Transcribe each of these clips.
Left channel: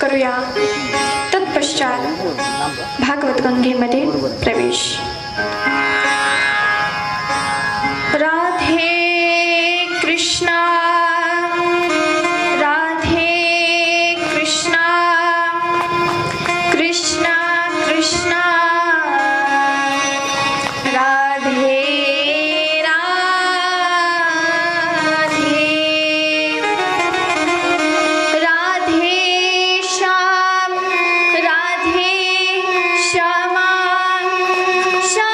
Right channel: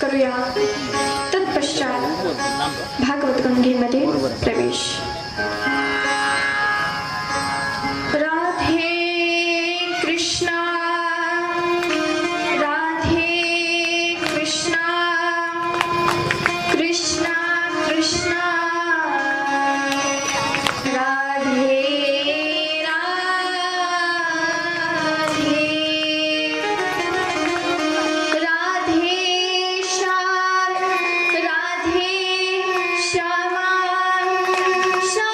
करूया तत्पश्चात भागवत गंगेमध्ये प्रवेश. राधे कृष्णा राधे कृष्णा कृष्णा कृष्णा राधे राधे राधे श्याम राधे श्यामा श्याम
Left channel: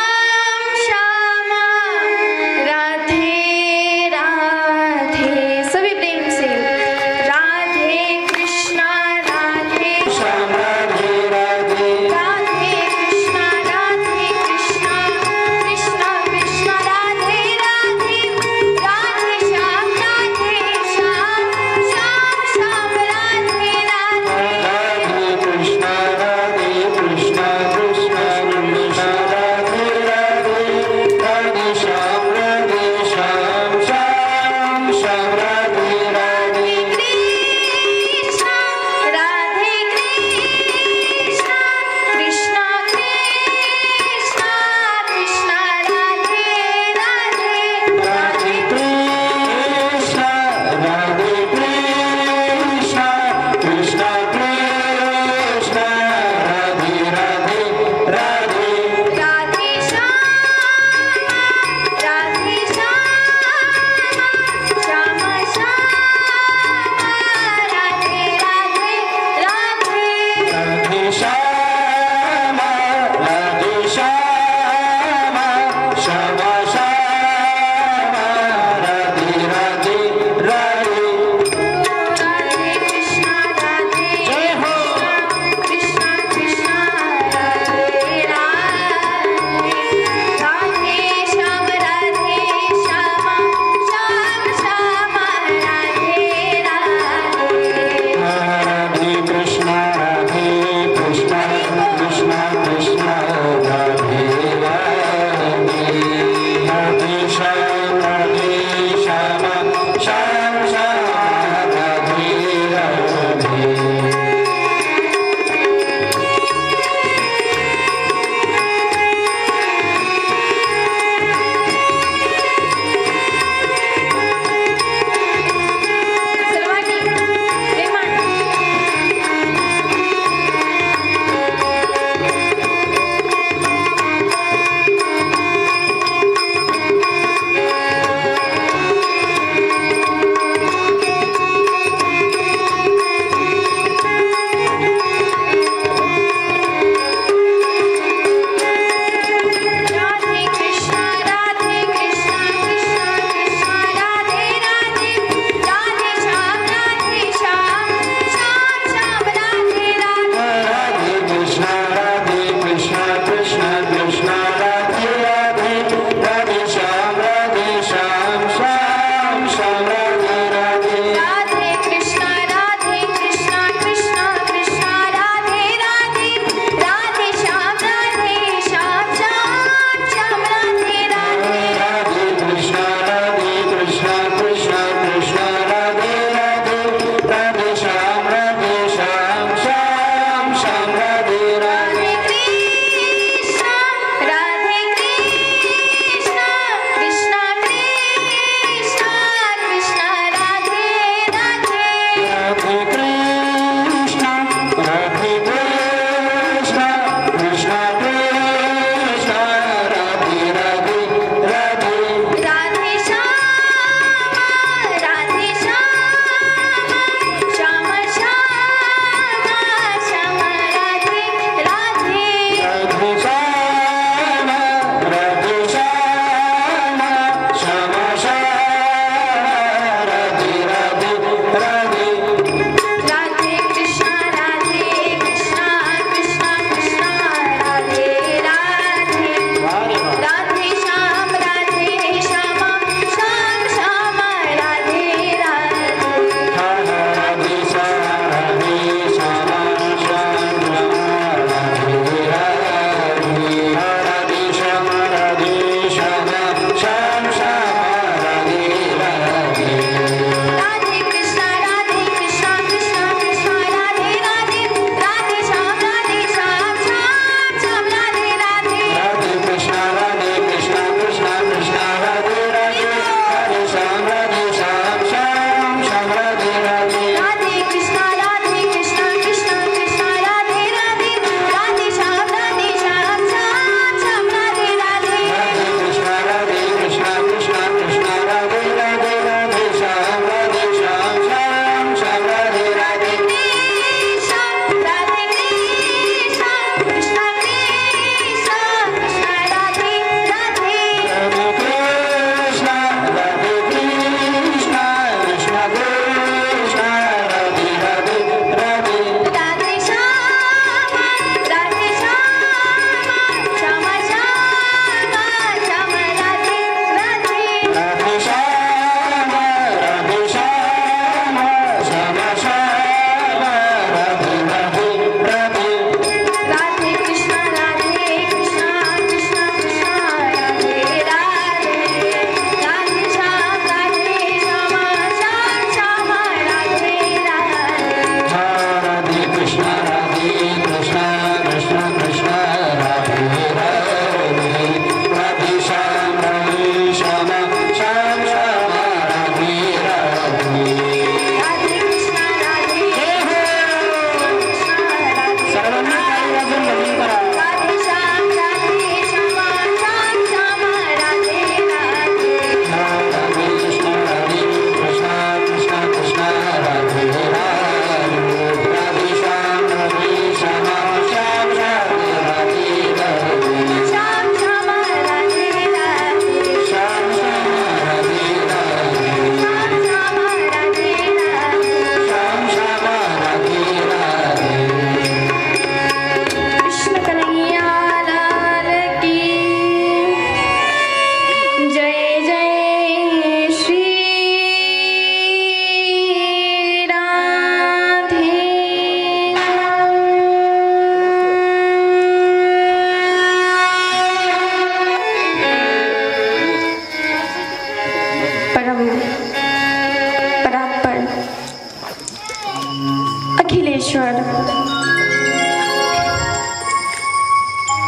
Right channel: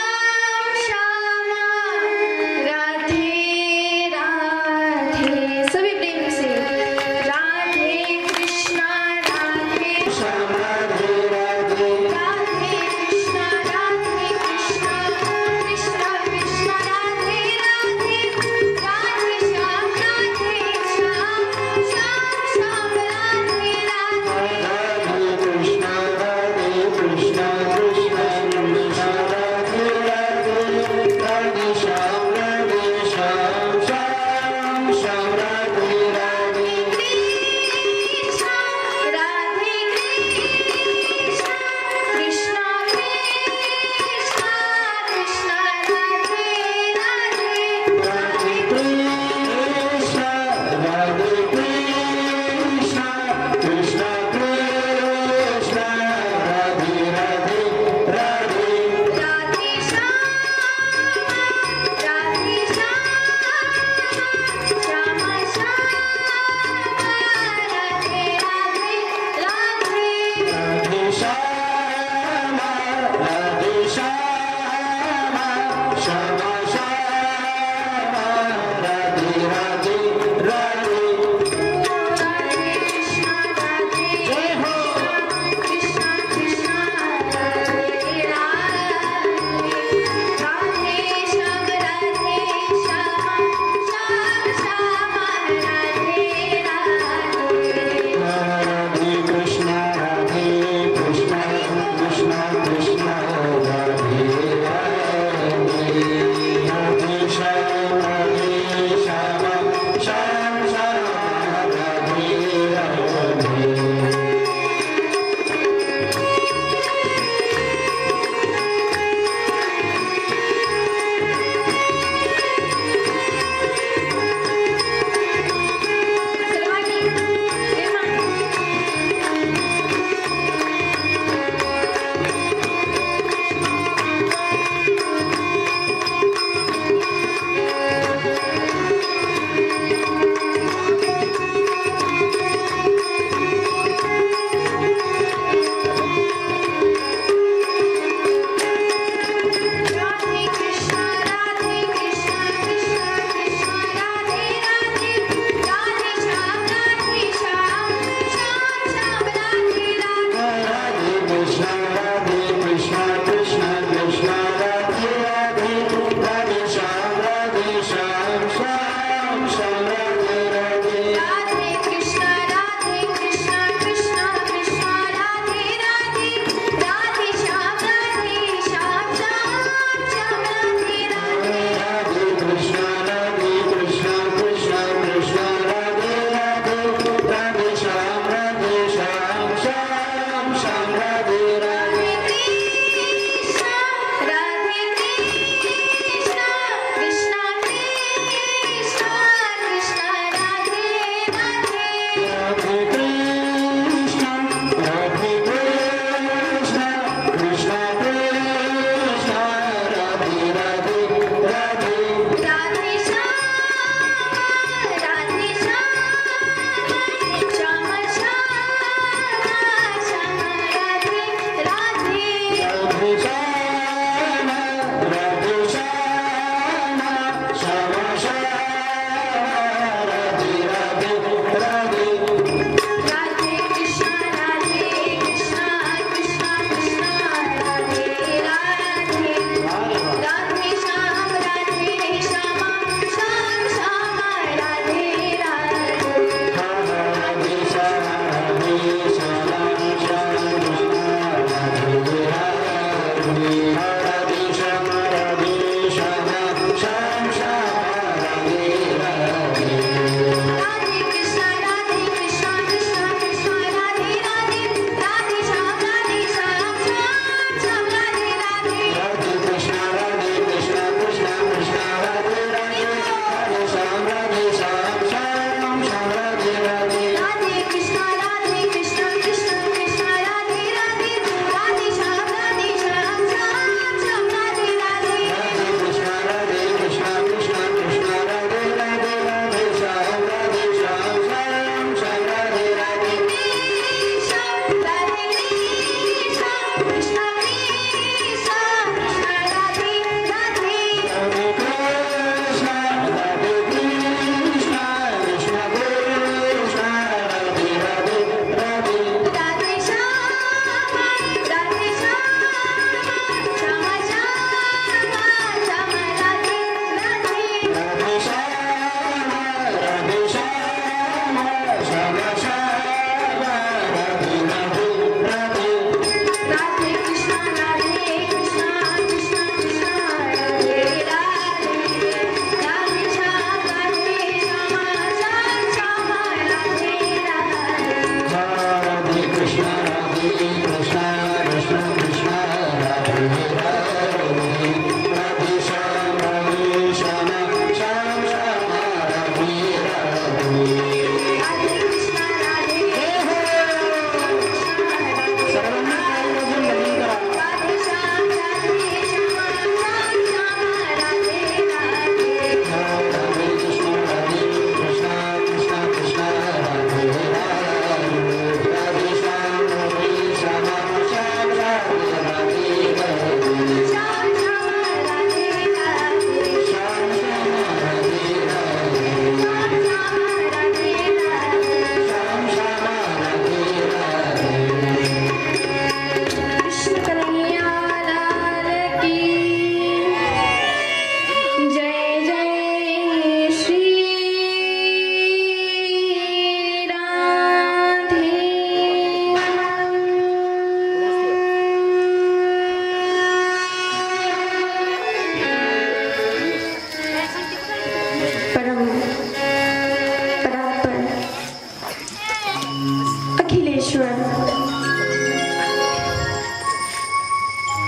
परमेश्वर,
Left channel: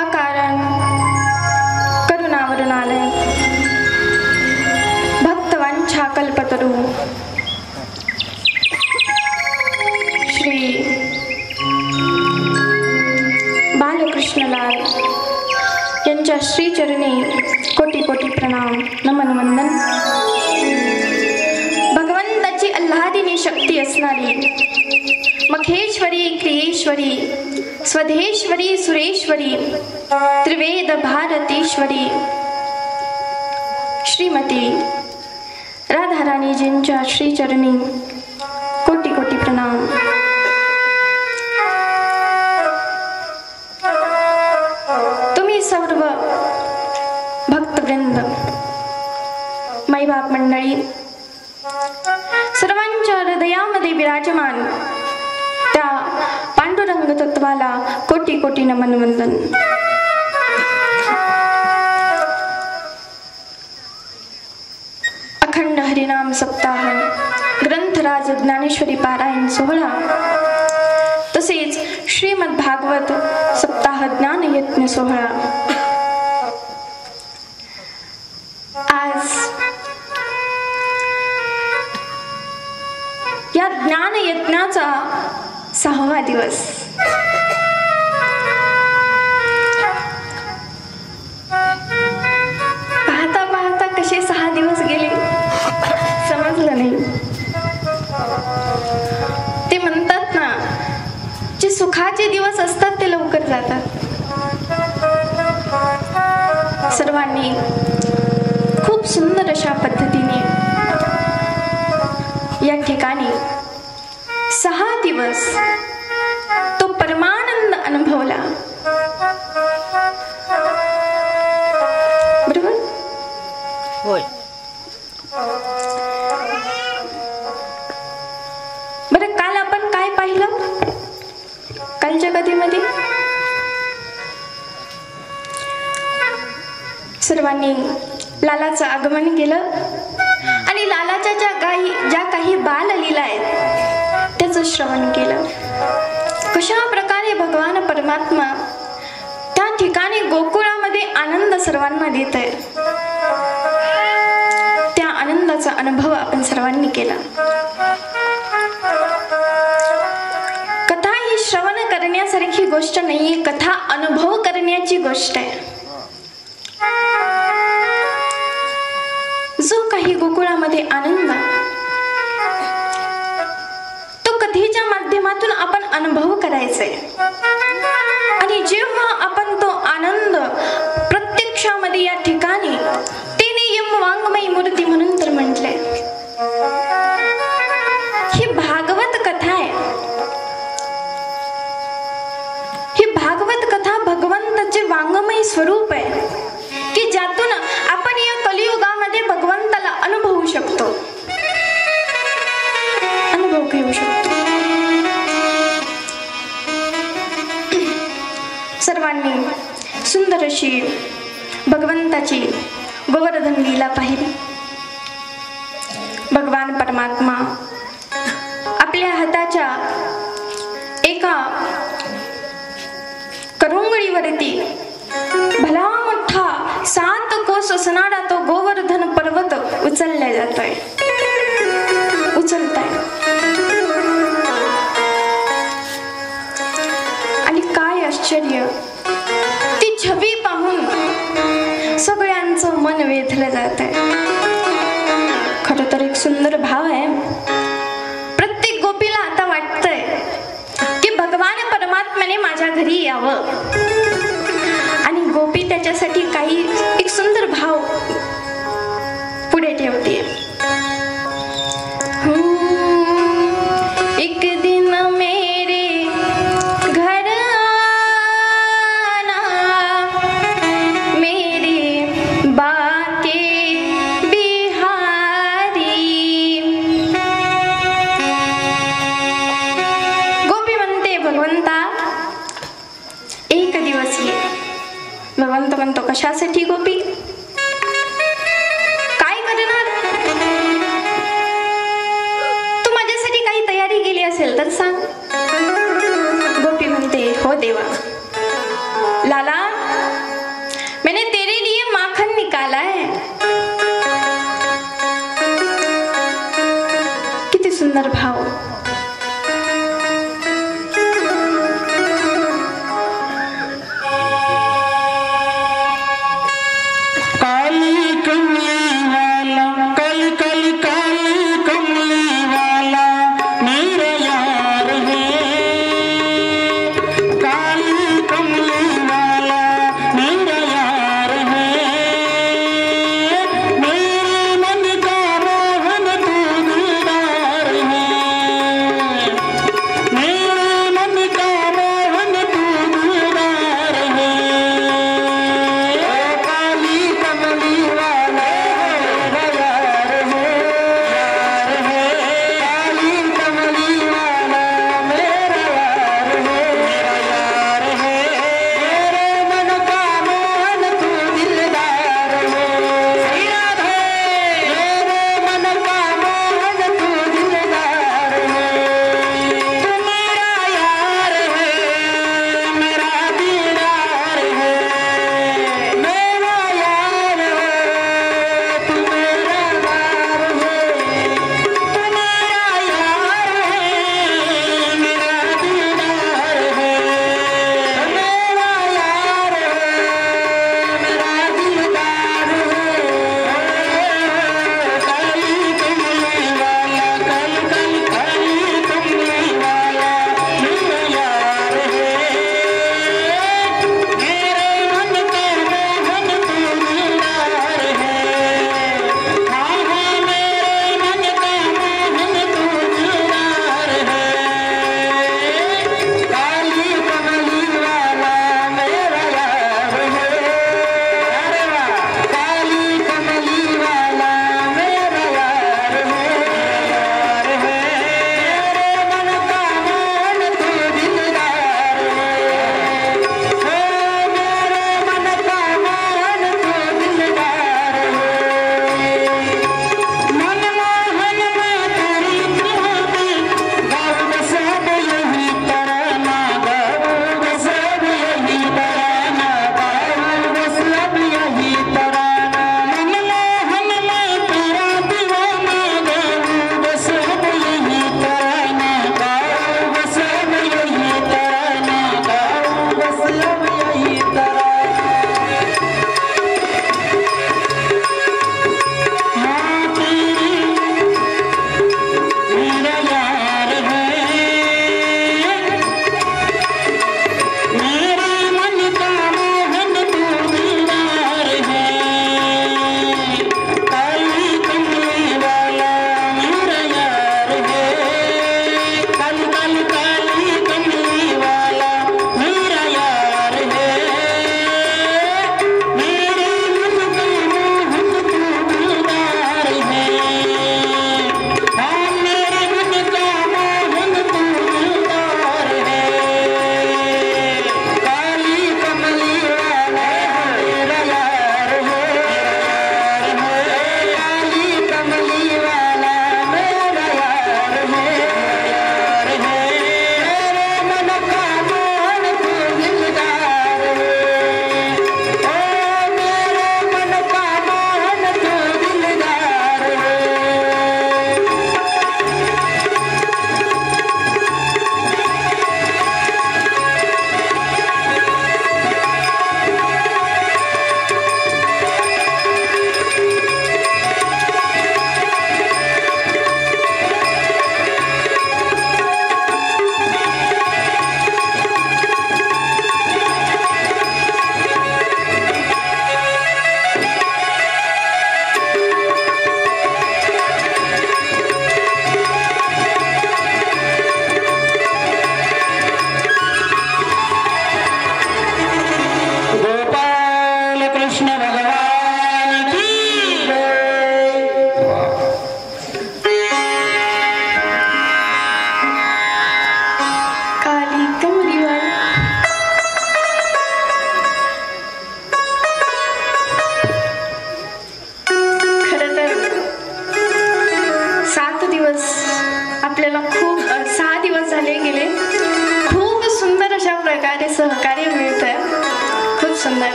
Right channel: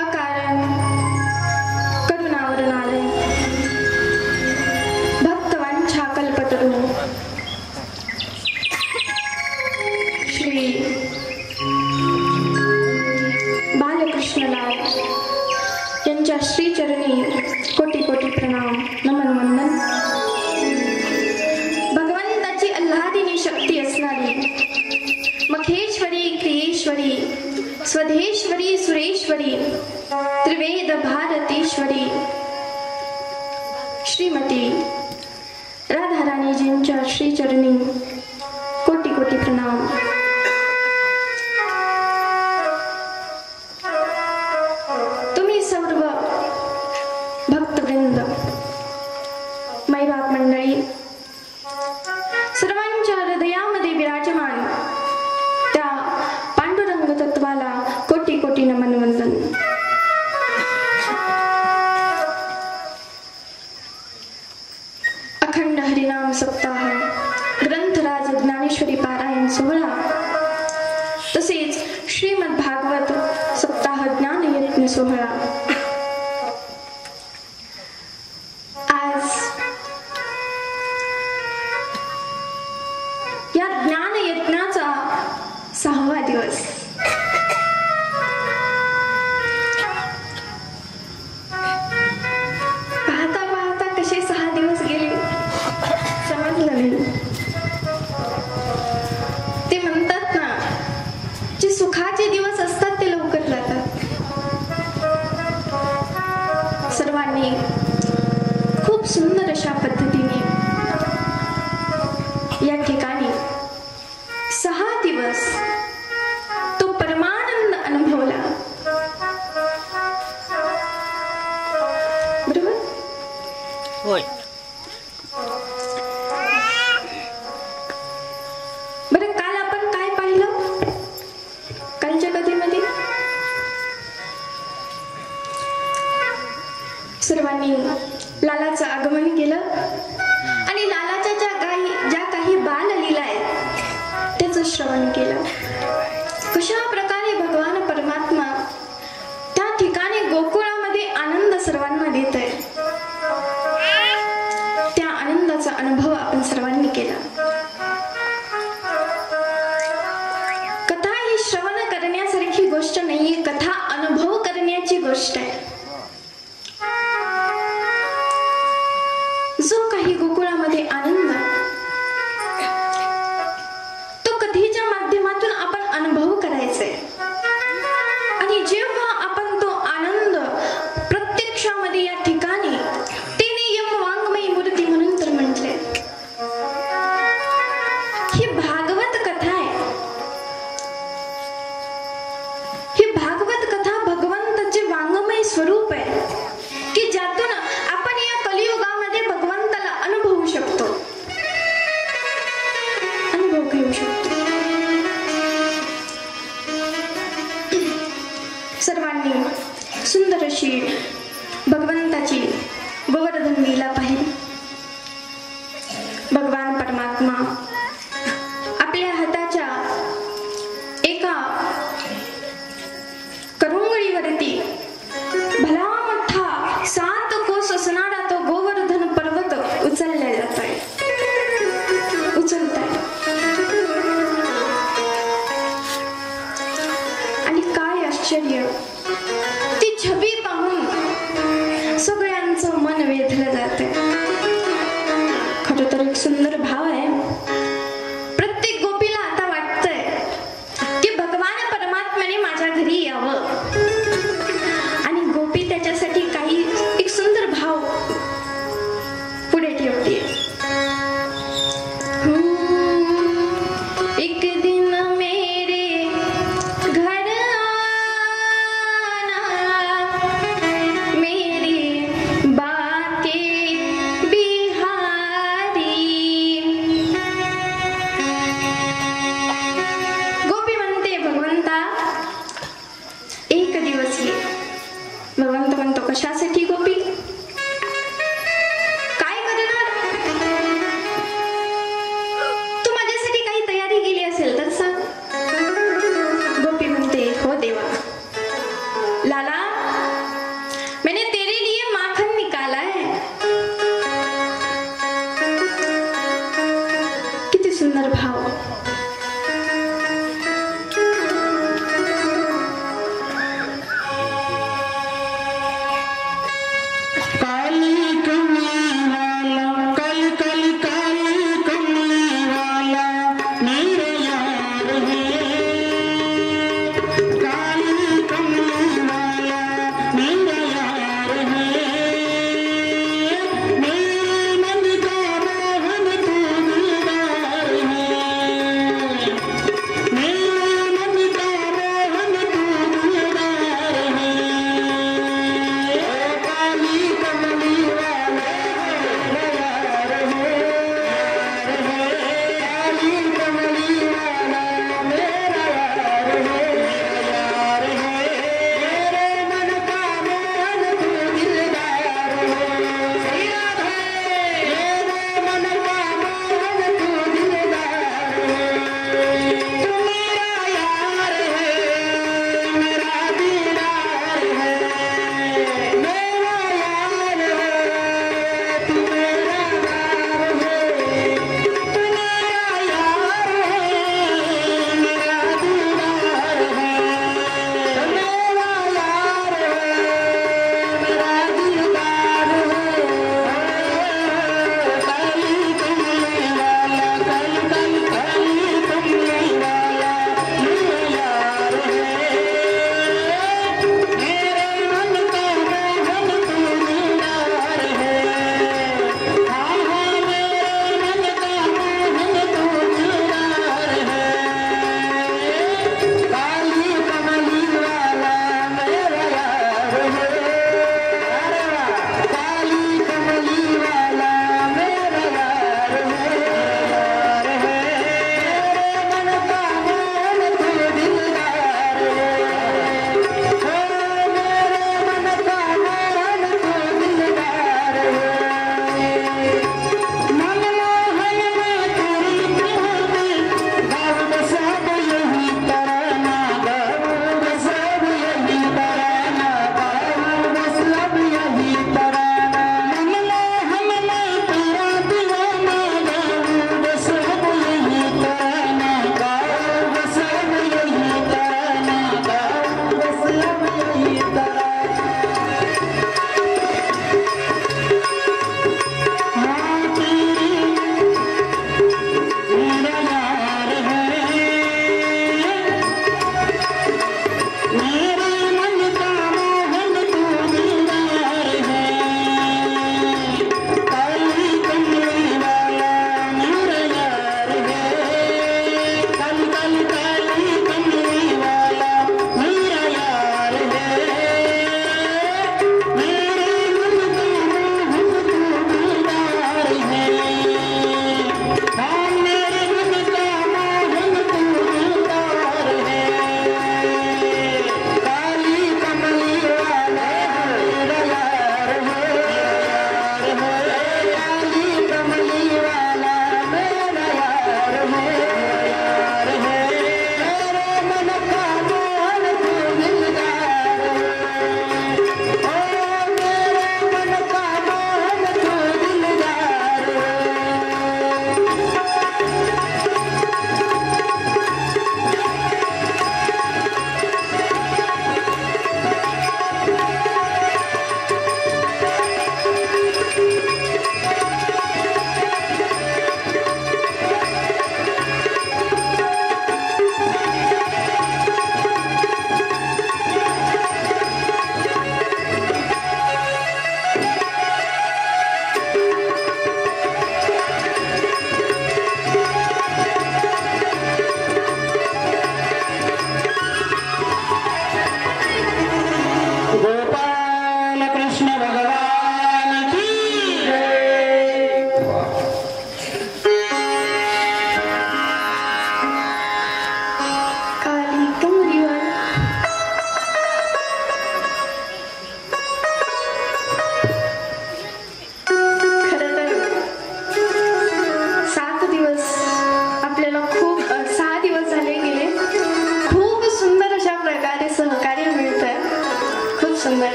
अकारण करुणावरणालय, भक्तवांछा कल्पतरू, श्री बालकृष्णलाल यांच्या श्रीचरणी कोटी कोटी प्रणाम, नमन वंदन. भगवंताची आल्हादिनी शक्ती असणारी मखेश्वरी, क्रियेश्वरी, स्वधेश्वरी, सुरेश्वरी, त्रिवेद भारतेश्वरी श्रीमती राधाराणीजींच्या श्रीचरणी कोटी कोटी प्रणाम. तुम्ही सर्व भक्तवृंद, माईबाप मंडळी, सर्वांच्या हृदयामध्ये विराजमान त्या पांडुरंग तत्वाला कोटी कोटी नमन वंदन. अखंड हरिनाम सप्ताह, ग्रंथराज ज्ञानेश्वरी पारायण सोहळा, तसेच श्रीमद भागवत सप्ताह ज्ञान यज्ञ सोहळा. आज या ज्ञान यज्ञाचा 6वा दिवस. पाहता पाहता कसे 6 दिवस गेले समजलं नाही. ते म्हणतात ना, जे सुखाचे दिवस असतात ते लवकर जातात. सर्वांनी खूप सुंदर अशा पद्धतीने या ठिकाणी 6 दिवस तो परमानंद अनुभवला. बरोबर? होय. बरं, काल आपण काय पाहिलं? कालच्या कथेमध्ये सर्वांनी लालाचं आगमन केलं आणि लालाच्या ज्या काही बाललीला आहेत त्याचं श्रवण केलं. कशा प्रकारे भगवान परमात्मा त्या ठिकाणी गोकुळामध्ये आनंद सर्वांना देत आहे, त्या आनंदाचा अनुभव आपण सर्वांनी केला. कथा ही श्रवण करण्यासारखी गोष्ट नाहीये, कथा अनुभव करण्याची गोष्ट आहे. जो काही गोकुळामध्ये आनंद, तो कथेच्या माध्यमातून आपण अनुभव करायचाय. आणि जेव्हा आपण तो आनंद प्रत्यक्षामध्ये या ठिकाणी, तिने यम वाङ्मयी मूर्ती म्हणून तर म्हटलंय, ही भागवत कथा आहे. ही भागवत कथा भगवंताचे वाङ्मयी स्वरूप आहे की ज्यातून आपण या कलियुगामध्ये भगवंताला अनुभवू शकतो, अनुभव घेऊ शकतो. सर्वांनी सुंदर अशी भगवंताची गोवर्धन लीला पाहिली. भगवान परमात्मा आपल्या हाताच्या एका करुंगळीवरती भला मोठा 7 कोस असणारा तो गोवर्धन पर्वत उचलला जातोय, उचलताय. आणि काय आश्चर्य, ती छबी पाहून सगळ्यांचं मन वेधलं जात आहे. खरं तर एक सुंदर भाव आहे. प्रत्येक गोपीला आता वाटतंय की भगवान परमात्म्याने माझ्या घरी यावं, आणि गोपी त्याच्यासाठी काही एक सुंदर भाव पुढे ठेवते. एक दिन मेरे घर आना, मेरे बाके बिहारी. गोपी म्हणते, भगवंता एक दिवस ये. भगवंत म्हणतो, कशासाठी गोपी? काय करणार? तू माझ्यासाठी काही तयारी केली असेल तर सांग.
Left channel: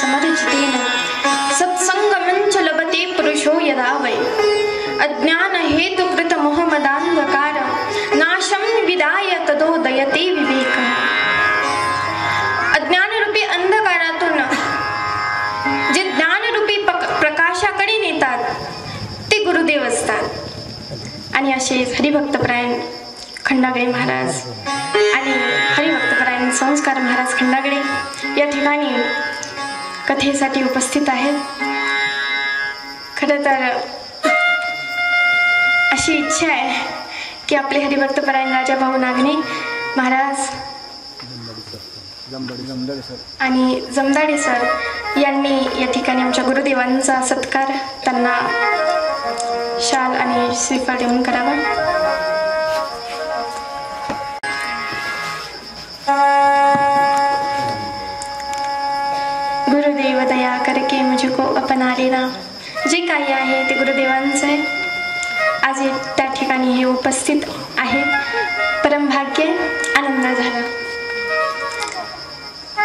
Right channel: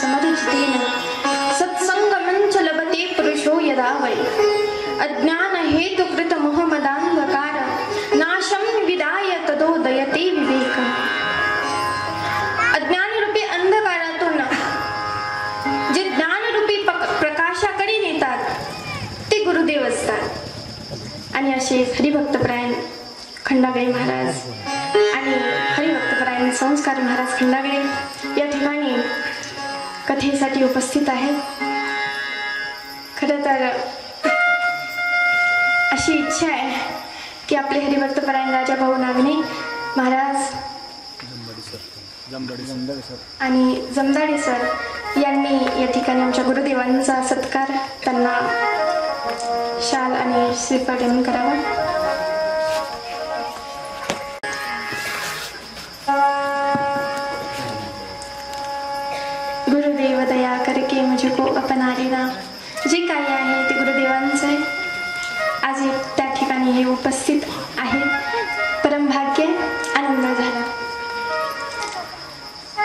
समर्जितेन सत्संगमञ्च लभते पुरुषो यदा वै अज्ञान हेतुकृत मोहमदान्धकार नाशं विदाय तदोदयते विवेक. अज्ञानरूपी अंधकारातून जे ज्ञानरूपी प्रकाशाकडे नेतात ते गुरुदेव असतात. आणि असे हरिभक्तपरायण खंडागळे महाराज आणि हरिभक्तपरायण संस्कार महाराज खंडागळे या ठिकाणी कथेसाठी उपस्थित आहेत. खरं तर अशी इच्छा आहे की आपले हरिभक्तपरायण राजाभाऊ नागणे महाराज आणि जमदाडे सर यांनी या ठिकाणी आमच्या गुरुदेवांचा सत्कार त्यांना शाल आणि श्रीफळ देऊन करावा. गुरुदेव दया करके मुझको अपना लेना. जे काही आहे ते गुरुदेवांचं आहे. आज त्या ठिकाणी हे उपस्थित आहे. परमभाग्य आनंद झाला.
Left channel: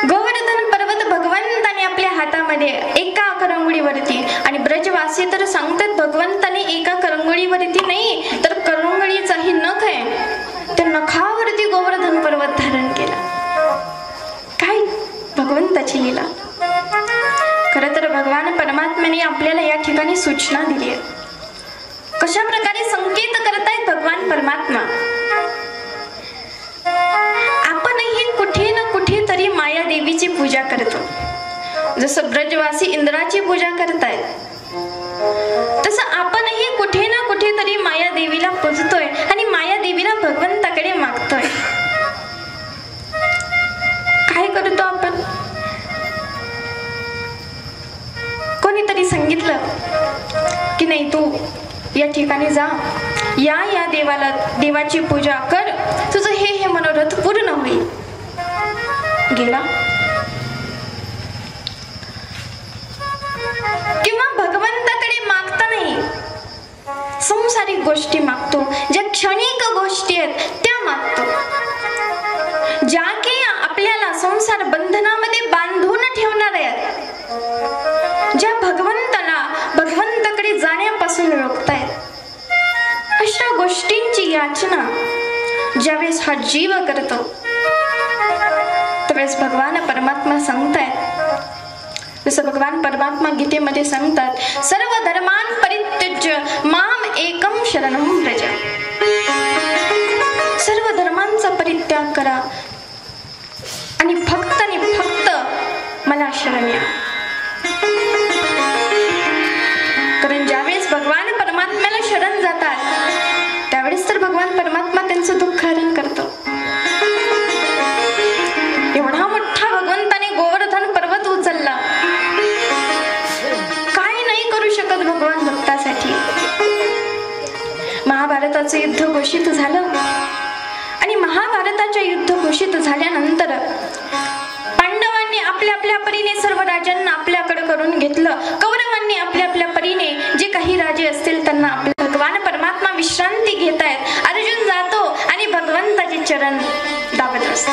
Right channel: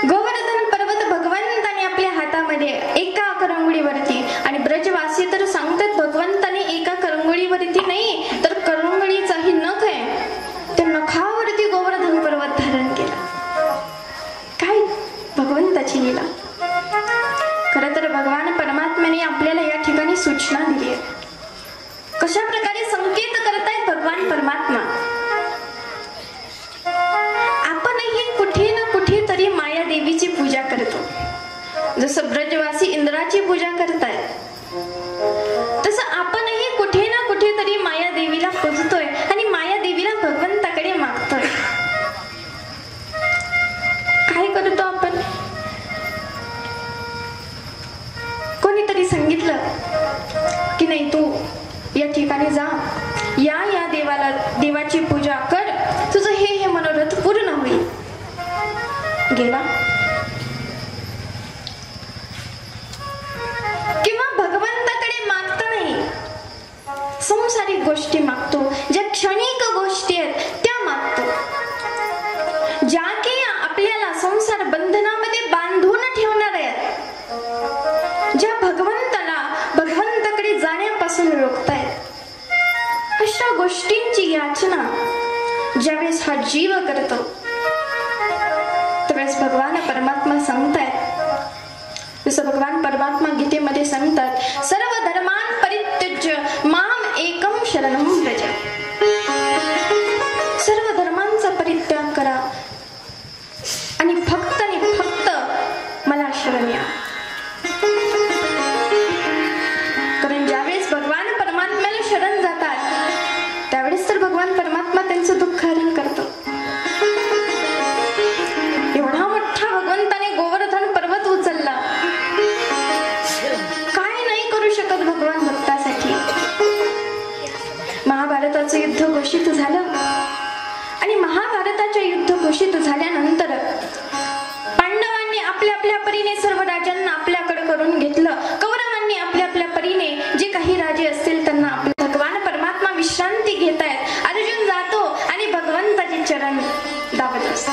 गोवर्धन पर्वत भगवंताने आपल्या हातामध्ये एका करंगळीवरती आणि ब्रजवासी तर सांगतात भगवंताने एका करंगळीवरती नाही तर करंगळीचाही नख आहे त्या नखावरती गोवर्धन पर्वत धारण केला. काय भगवंताची लीला. खरं तर भगवान परमात्म्याने आपल्याला या ठिकाणी सूचना दिली आहे. कशा प्रकारे संकेत करतायत भगवान परमात्मा. आपणही कुठे ना कुठे तरी माया देवीची पूजा करतो. जसं ब्रजवासी इंद्राची पूजा करतायत तसं आपणही कुठे ना कुठे तरी माया देवीला पूजतोय आणि माया देवीला भगवंताकडे मागतोय. काय करतो आपण. कोणीतरी सांगितलं की नाही तू या ठिकाणी जा या देवाला देवाची पूजा कर तुझं हे मनोरथ पूर्ण होईल. गेला. किंवा भगवंताकडे मागता नाही संसारिक गोष्टी मागतो. ज्या क्षणिक गोष्टी आहेत त्या मागतो. ज्या की आपल्याला संसार बंधनामध्ये बांधून ठेवणार आहेत. ज्या भगवंताकडे जाण्यापासून रोखतायत. अशा गोष्टींची याचना ज्यावेळेस हा जीव करतो त्यावेळेस भगवान परमात्मा सांगतायत. जसं भगवान परमात्मा गीतेमध्ये सांगतात सर्व धर्मान परित्यज्य माम एकम शरणं व्रज. सर्व धर्मांचा परित्याग करा आणि फक्त मला शरण या. कारण ज्यावेळेस भगवान परमात्म्याला शरण जातात त्यावेळेस तर भगवान परमात्मा त्यांचं दुःख हरण करतो. एवढा मोठा भगवंताने गोवर्धन पर्वत उचलला. काय नाही करू शकत भगवान भक्तासाठी. महाभारताचं युद्ध घोषित झालं आणि महाभारताच्या युद्ध घोषित झाल्यानंतर पांडवांनी आपल्या आपल्या परीने सर्व राजांना आपल्याकडे करून घेतलं. कौरवांनी आपल्या आपल्या परीने जे काही राजे असतील त्यांना आपले भगवान परमात्मा विश्रांती घेत आहेत. अर्जुन जातो आणि भगवंताचे चरण दाबत असतो.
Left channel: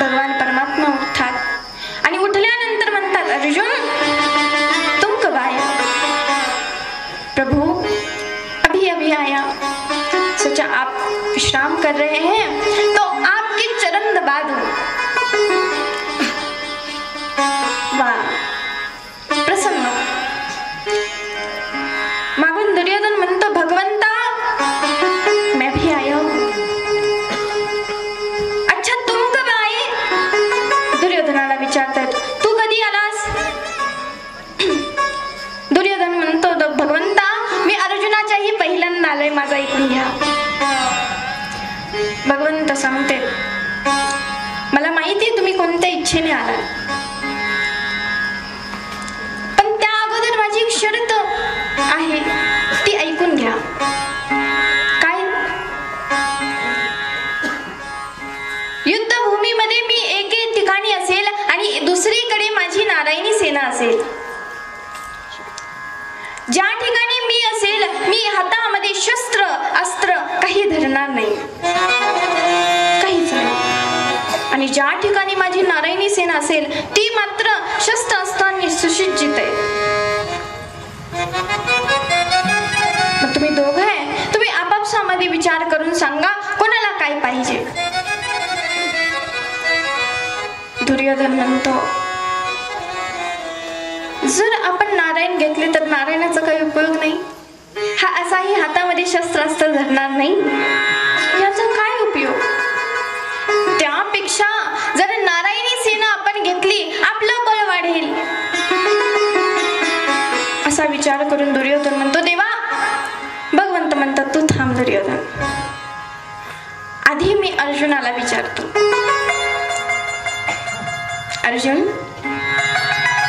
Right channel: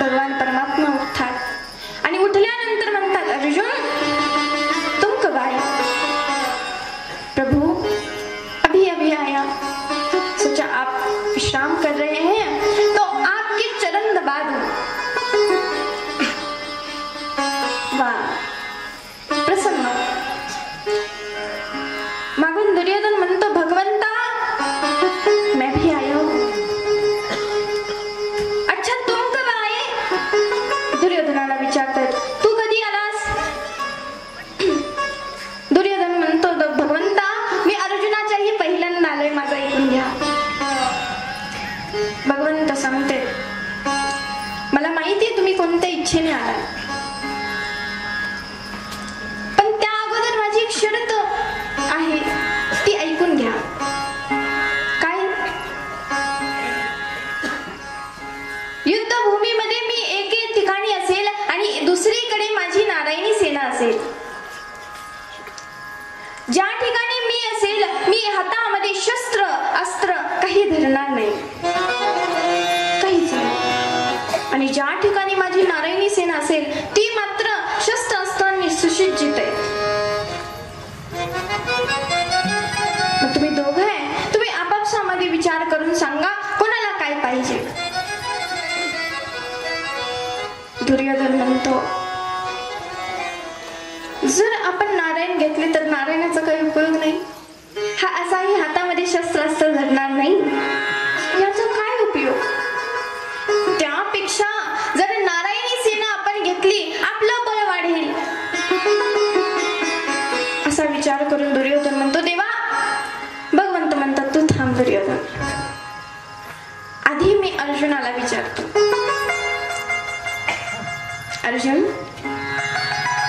भगवान परमात्मा उठतात आणि उठल्यानंतर म्हणतात अर्जुन तुम कब आए. प्रभु अभी आया. सोचा आप विश्राम कर रहे हैं तो आपके चरण दबा दूं. वाह प्रसन्न. मागून दुर्योधन म्हणतो भगवंता मैं भी आया हूं. अच्छा तुम कब आए. दुर्योधनाला विचारतात तू कधी आलास. दुर्योधन म्हणतो भगवंता मी अर्जुनाच्याही पहिल्यांदा आलोय. माझा ऐकून घ्या. भगवंत सांगते मला माहिती तुम्ही कोणत्या इच्छेने आला पण त्या अगोदर माझी एक शर्त आहे ती ऐकून घ्या. काय. युद्धभूमीमध्ये मी एके ठिकाणी असेल आणि दुसरीकडे माझी नारायणी सेना असेल. ज्या ठिकाणी मी असेल मी हातामध्ये शस्त्र अस्त्र काही धरणार नाही. काहीच नाही. आणि ज्या ठिकाणी माझी नारायणी सेना असेल ती मात्र शस्त्र अस्त्रांनी सुसज्जित आहे. मग तुम्ही दोघं आहे, तुम्ही आपापसामध्ये विचार करून सांगा कोणाला काय पाहिजे. दुर्योधन म्हणतो, जर आपण नारायण घेतले तर नारायणाचा काही उपयोग नाही. हा असाही हातामध्ये शस्त्रास्त्र धरणार नाही, याचा काय उपयोग. त्यापेक्षा जर नारायणी सेना आपण घेतली आपलं बळ वाढेल. असा विचार करून दुर्योधन म्हणतो, देवा. भगवंत म्हणतात, तू थांब दुर्योधन, आधी मी अर्जुनाला विचारतो. अर्जुन,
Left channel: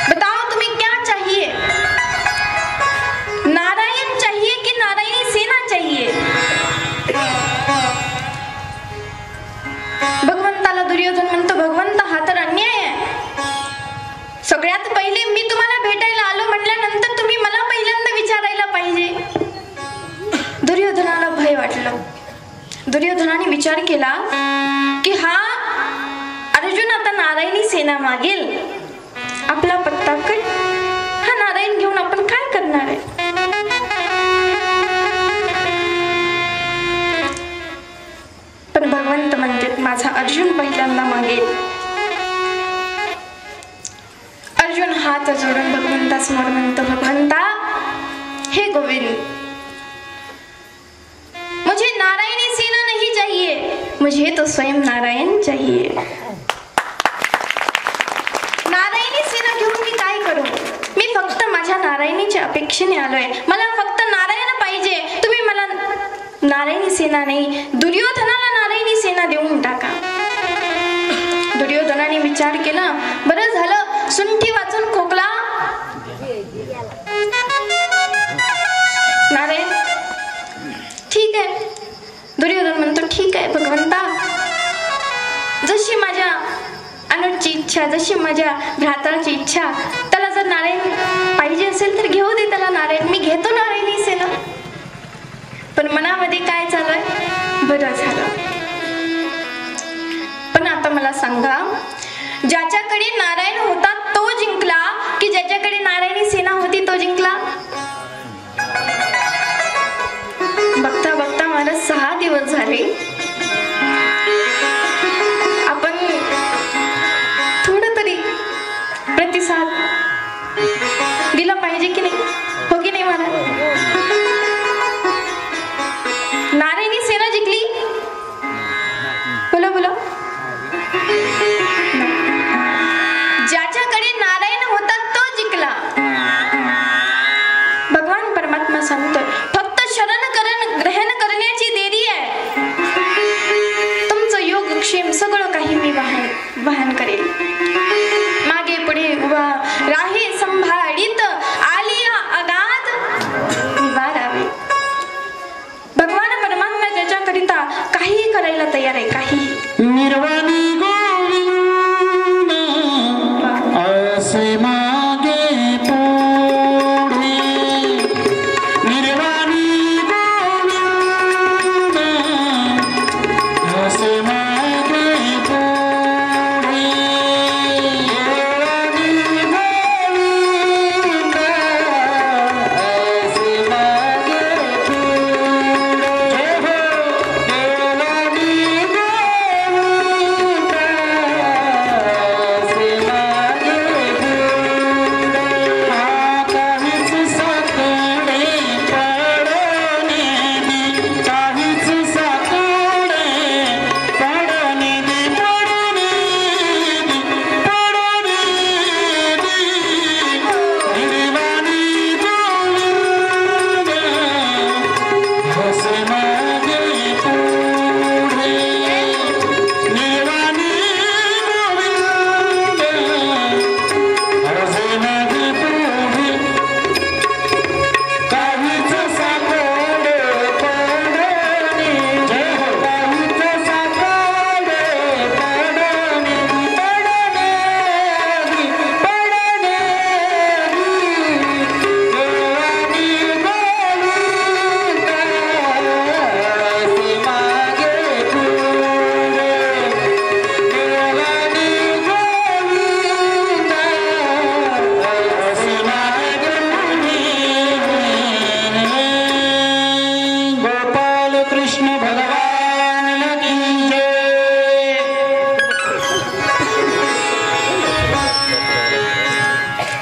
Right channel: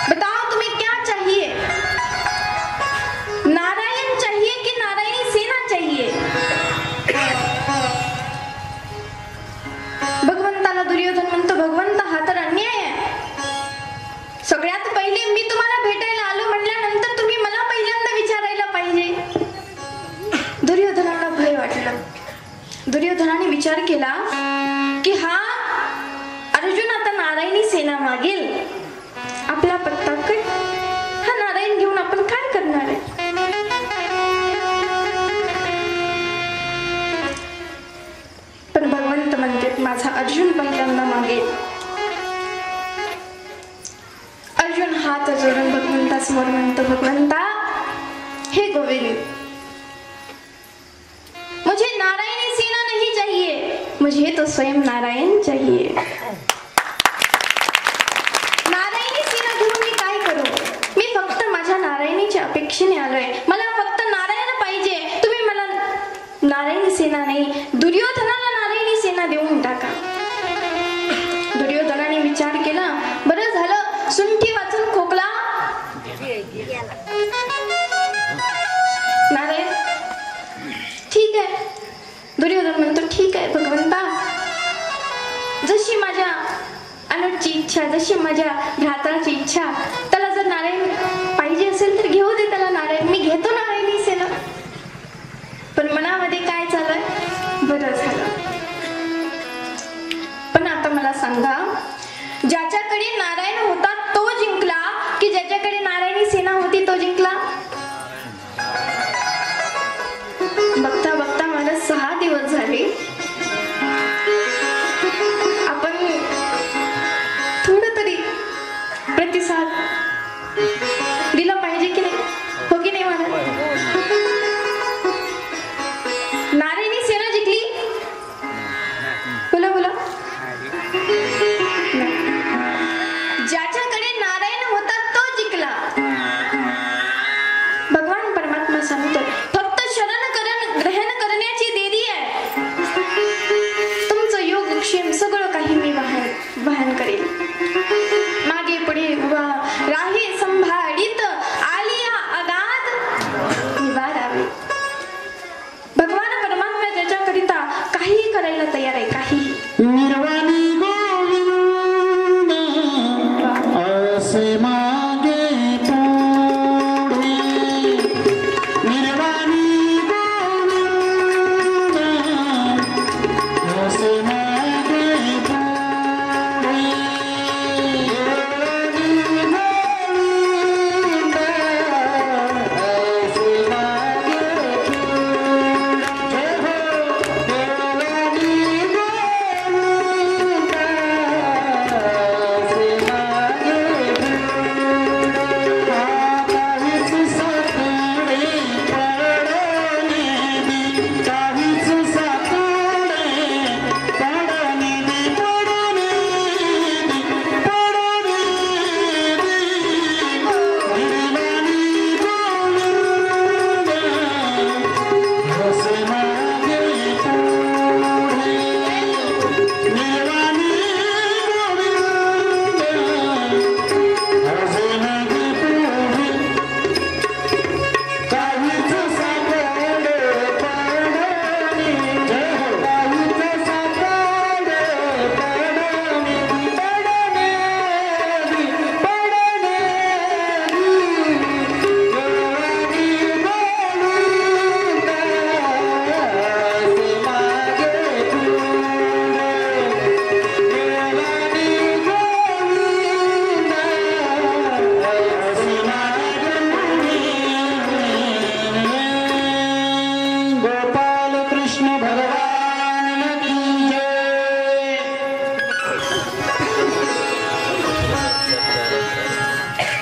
बताओ तुम्हें क्या चाहिए, नारायण चाहिए कि नारायणी सेना चाहिए. भगवंताला दुर्योधन म्हणतो, भगवंत हा तर अन्याय आहे. सगळ्यात पहिले मी तुम्हाला भेटायला आलो म्हटल्यानंतर तुम्ही मला पहिल्यांदा विचारायला पाहिजे. दुर्योधनाला भय वाटलं. दुर्योधनाने विचार केला की हा अर्जुन आता नारायणी सेना मागेल, आपला पत्ता काय, हा नारायण घेऊन आपण काय करणार आहे. पण भगवंत म्हणते माझा अर्जुन पहिल्यांदा मागेल. अर्जुन हात जोडून भगवंतासमोर म्हणतो, भगवंता हे गोविंद, मुझे नारायणी सेना नहीं चाहिए, मुझे तो स्वयं नारायण चाहिए. नारायणी सेना घेऊन मी काय करू, मी फक्त माझ्या नारायणीच्या अपेक्षेने आलोय, मला फक्त नारायण पाहिजे. तुम्ही मला नारायणी सेना नाही, दुर्योधनाला नारायणी सेना देऊन टाका. दुर्योधनाने विचार केला, बरं झालं सुंठी वाचून खोकला. नारायण ठीक आहे. दुर्योधन म्हणतो, ठीक आहे भगवंता, जशी माझ्या अनुजची इच्छा, जशी माझ्या भ्राताची इच्छा, त्याला जर नारायण पाहिजे असेल तर घेऊ दे त्याला नारायण, मी घेतो नारायणी सेना. पण मनामध्ये काय चालूय, बरं झालं. पण आता मला सांगा, ज्याच्याकडे नारायण होता तो जिंकला की ज्याच्याकडे नारायणी सेना होती तो जिंकला. बघता बघता मला 6 दिवस झाले. आपण थोडं तरी प्रतिसाद दिला पाहिजे की नाही, हो की नाही. मला नारायणी सेना जिंकली, बोला बोला. ज्याच्याकडे नारायण होता तो जिंकला. भगवान परमात्मा सांगतोय, फक्त ग्रहण करण्याची देरी आहे. तुमचं योगक्षेम सगळं काही मी वाहन करेल. मागे पुढे उभा राही संभाळीत, आलिया अगाध निवारावे. भगवान परमात्मा ज्याच्याकरिता काहीही करायला तयार आहे, काहीही. निर्वाणी गोविंद असे मागे पुढे, निर्वाणी गोविंद असे मागे पुढे.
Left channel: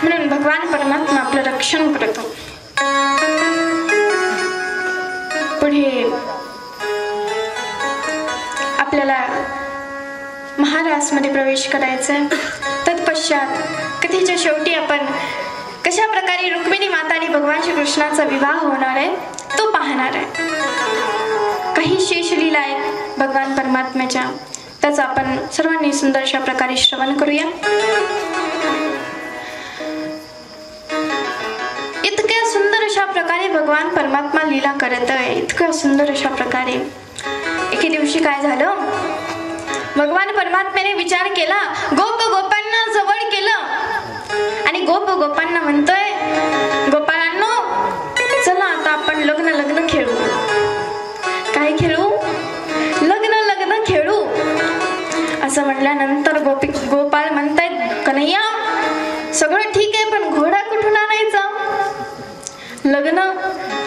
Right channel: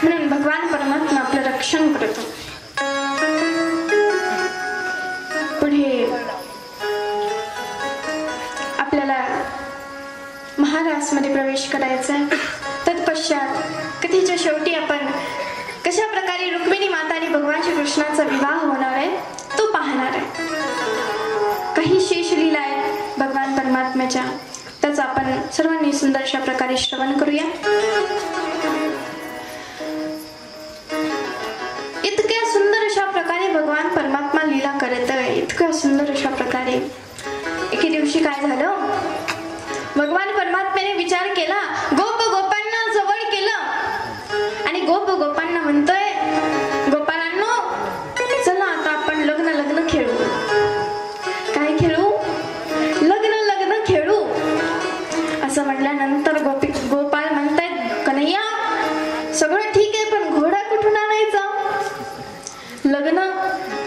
म्हणून भगवान परमात्मा आपलं रक्षण करतो. पुढे आपल्याला महारासमध्ये प्रवेश करायचा आहे. तत्पश्चात कथेच्या शेवटी आपण कशा प्रकारे रुक्मिणी माता आणि भगवान श्रीकृष्णाचा विवाह होणार आहे तो पाहणार आहे. काही शेषलीला आहेत भगवान परमात्म्याच्या, त्याचा आपण सर्वांनी सुंदर अशा प्रकारे श्रवण करूया. इतक्या सुंदर अशा प्रकारे भगवान परमात्मा लीला करत आहे. इतक्या सुंदर अशा प्रकारे एके दिवशी काय झालं, भगवान परमात्म्याने विचार केला, गोप गोपांना जवळ केलं आणि गोप गोपांना म्हणतोय, गोपाळांनो चला आता आपण लग्न खेळू. काय खेळू? लग्न खेळू. असं म्हटल्यानंतर गोपाळ म्हणतायत, कन्हैया सगळं ठीक आहे पण घोडा कुठून आणायचा? लग्न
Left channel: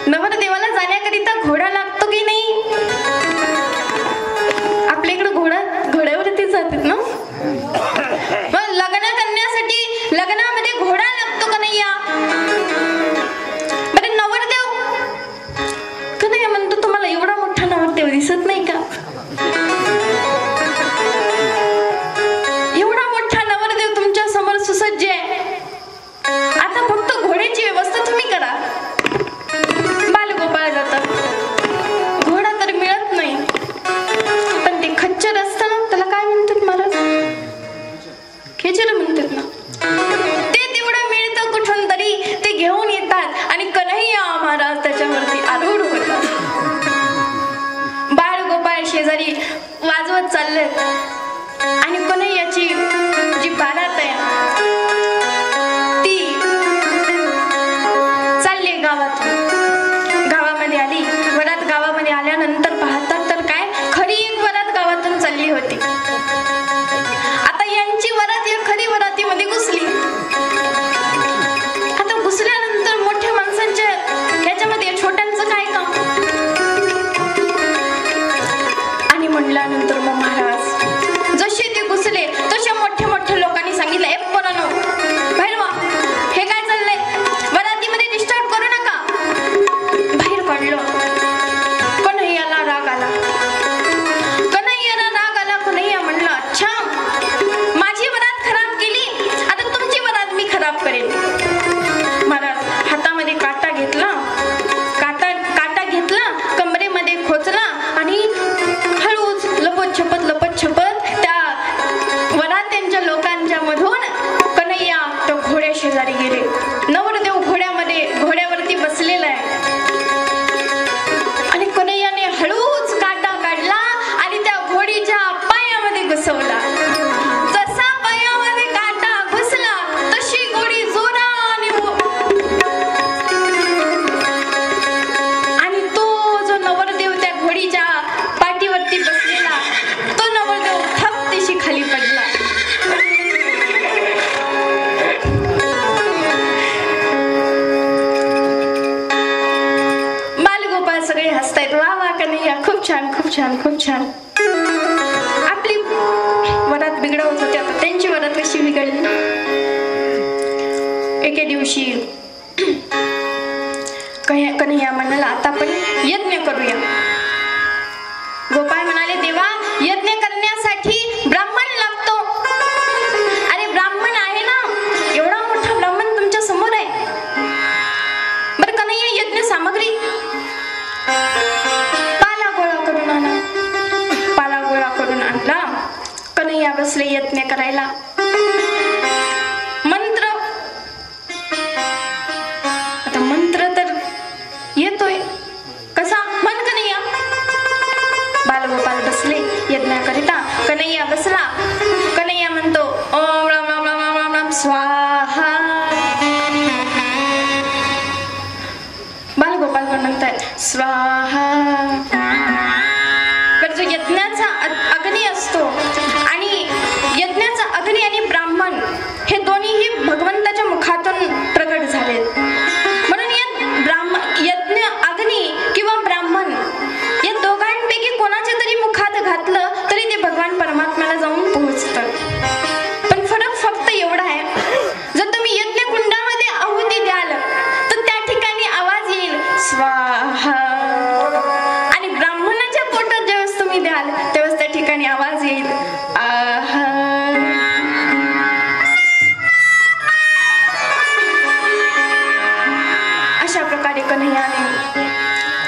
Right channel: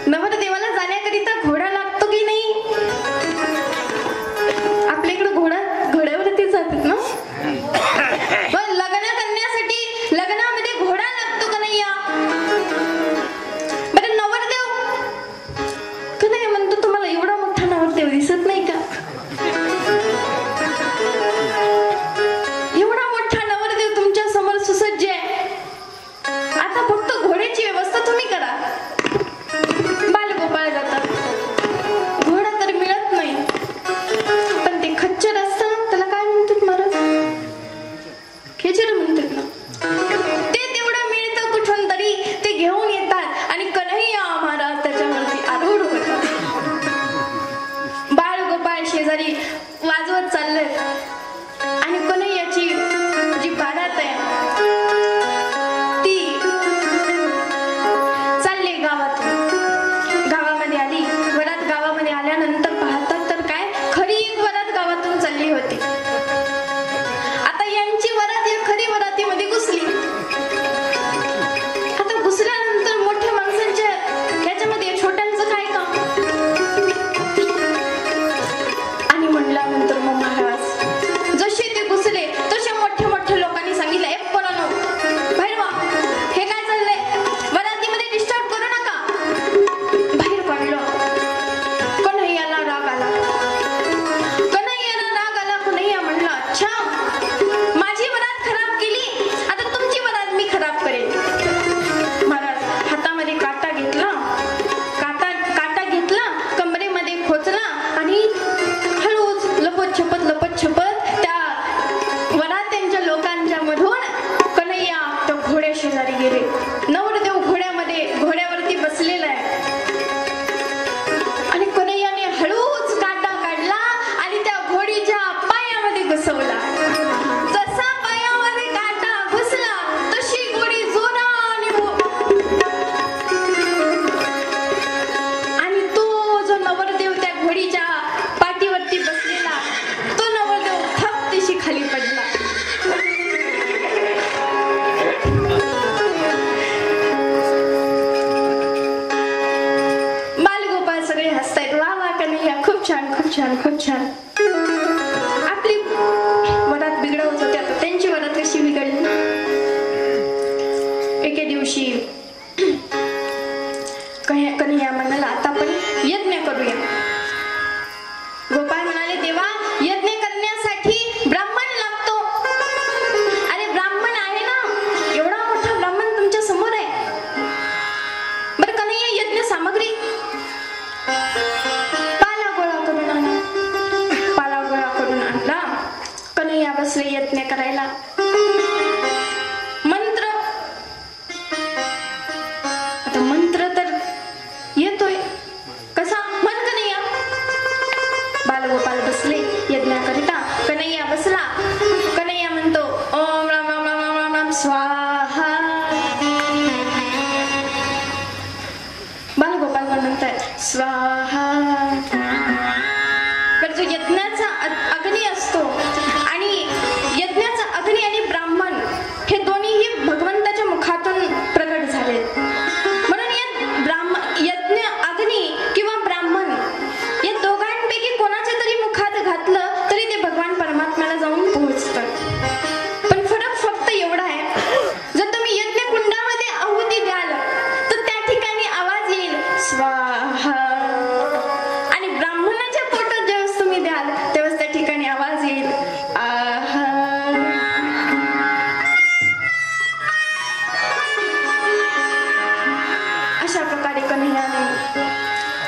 नवरदेवाला जाण्याकरिता घोडा लागतो की नाही? आपल्या इकडे घोड्यावरती जातात ना. पण लग्न करण्यासाठी लग्नामध्ये घोडा लागतो कन्हैया. बरे नवरदेव, कन्हैया म्हणतो तुम्हाला एवढा मोठा नवरदेव दिसत नाही का? एवढा मोठा नवरदेव तुमच्या समोर सुसज्ज आहे. आता फक्त घोड्याची व्यवस्था तुम्ही करा. बालगोपाळ जातात, घोडा तर मिळत नाही. पण ते खच्चर असतं ना, त्याला काय म्हणतात महाराज? खेचर म्हणतात ना. ते तेवढं मिळतं कुठून तरी, ते घेऊन येतात आणि कन्हैया महाराज त्याच्यावरती आरूढ होतात. बाळगोपाळ शेजारी वाजवत चाललेत आणि कन्हैयाची जी बारात आहे ती चालली गावातून. गावामध्ये आली. वरात गावामध्ये आल्यानंतर पाहतात तर काय, खरी एक वरात गावातून चालली होती. आता यांची वरात या खरी वरातीमध्ये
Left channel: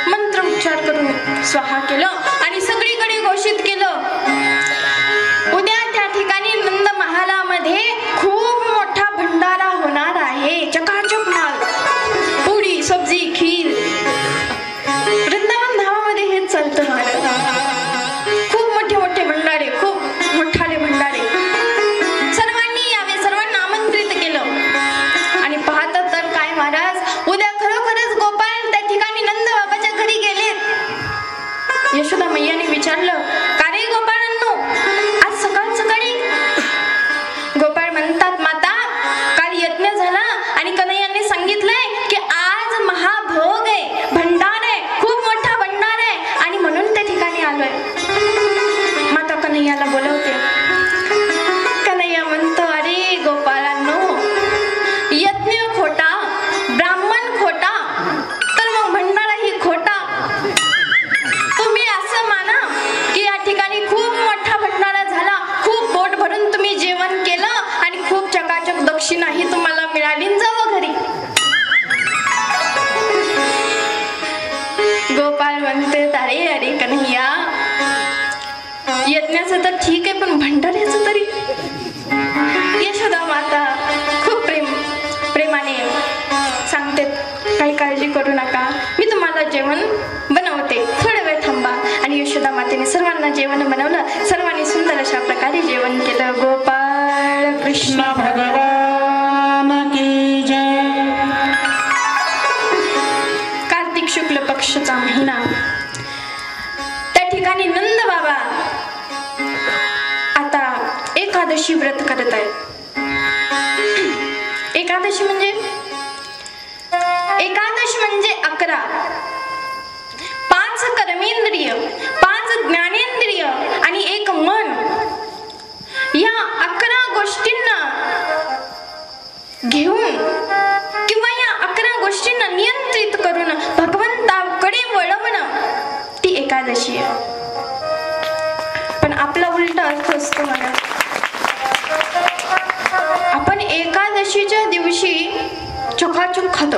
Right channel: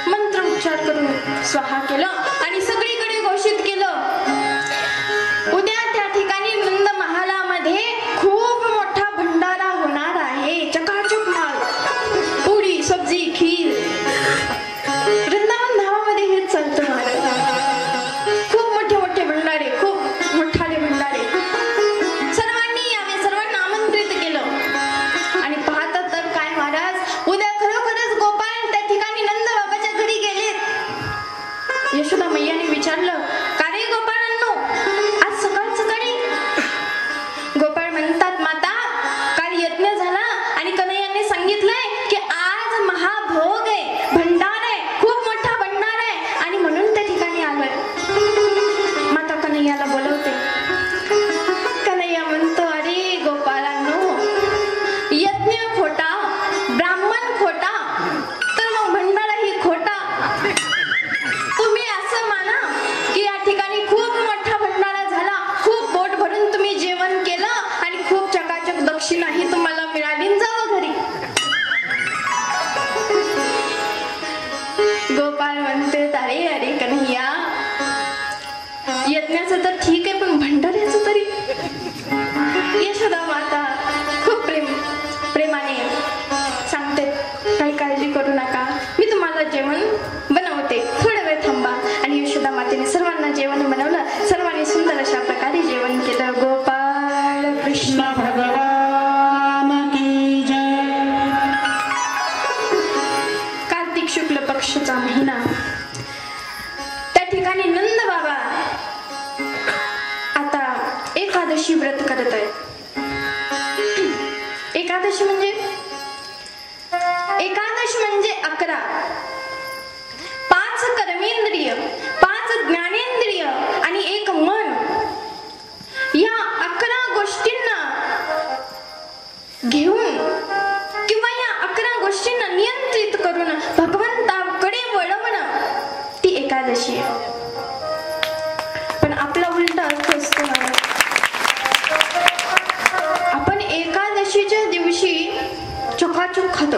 मंत्रोच्चार करून स्वाहा केलं आणि सगळीकडे घोषित केलं, उद्या त्या ठिकाणी नंद महालामध्ये खूप मोठा भंडारा होणार आहे. चकाचक माल, पुरी, सब्जी, खीर. वृंदावन धामामध्ये हेच चालतं महाराज. खूप मोठे मोठे भंडारे, खूप मोठाले भंडारे. सर्वांनी यावे, सर्वांना आमंत्रित केलं. आणि पाहता तर काय महाराज, उद्या खरोखरच गोपाळ त्या ठिकाणी नंद बाबाच्या घरी गेलेत. यशोदा मैयाने विचारलं, का रे गोपाळांनो, आज सकाळ सकाळी? गोपाळ म्हणतात, माता, काल यज्ञ झाला आणि कन्हैयाने सांगितलंय की आज महाभोग आहे, भंडार आहे, खूप मोठा भंडार आहे आणि म्हणून त्या ठिकाणी आलोय. माता कन्हैयाला बोलवते. कन्हैया म्हणतो, अरे गोपाळांनो, यज्ञ खोटा, ब्राह्मण खोटा, तर मग भंडाराही खोटा. तुम्ही असं माना की या ठिकाणी खूप मोठा भंडारा झाला, खूप पोट भरून तुम्ही जेवण केलं आणि खूप चकाचक दक्षिणाही तुम्हाला मिळाली, जावं घरी. गोपाळ म्हणते, अरे अरे कन्हैया, यज्ञाचं तर ठीक आहे, पण भंडाऱ्याचं तरी. यशोदा माता खूप प्रेमाने सांगते, काही काळजी करू नका, मी तुम्हाला जेवण बनवते, थोडा वेळ थांबा. आणि यशोदा मातेने सर्वांना जेवण बनवलं. सर्वांनी सुंदर अशा प्रकारे जेवण केलं. गोपाळ कृष्ण भगवान की जय. कार्तिक शुक्ल पक्षाचा महिना, त्या ठिकाणी नंद बाबा आता एकादशी व्रत करत आहेत. एकादशी म्हणजे 11. 5 कर्मेंद्रिय, 5 ज्ञानेंद्रिय आणि 1 मन, या 11 गोष्टींना घेऊन किंवा या 11 गोष्टींना नियंत्रित करून भगवंताकडे वळवणं, ती एकादशी आहे. पण आपला उलटा अर्थ असतो ना, आपण एकादशीच्या दिवशी चकाचक खातो.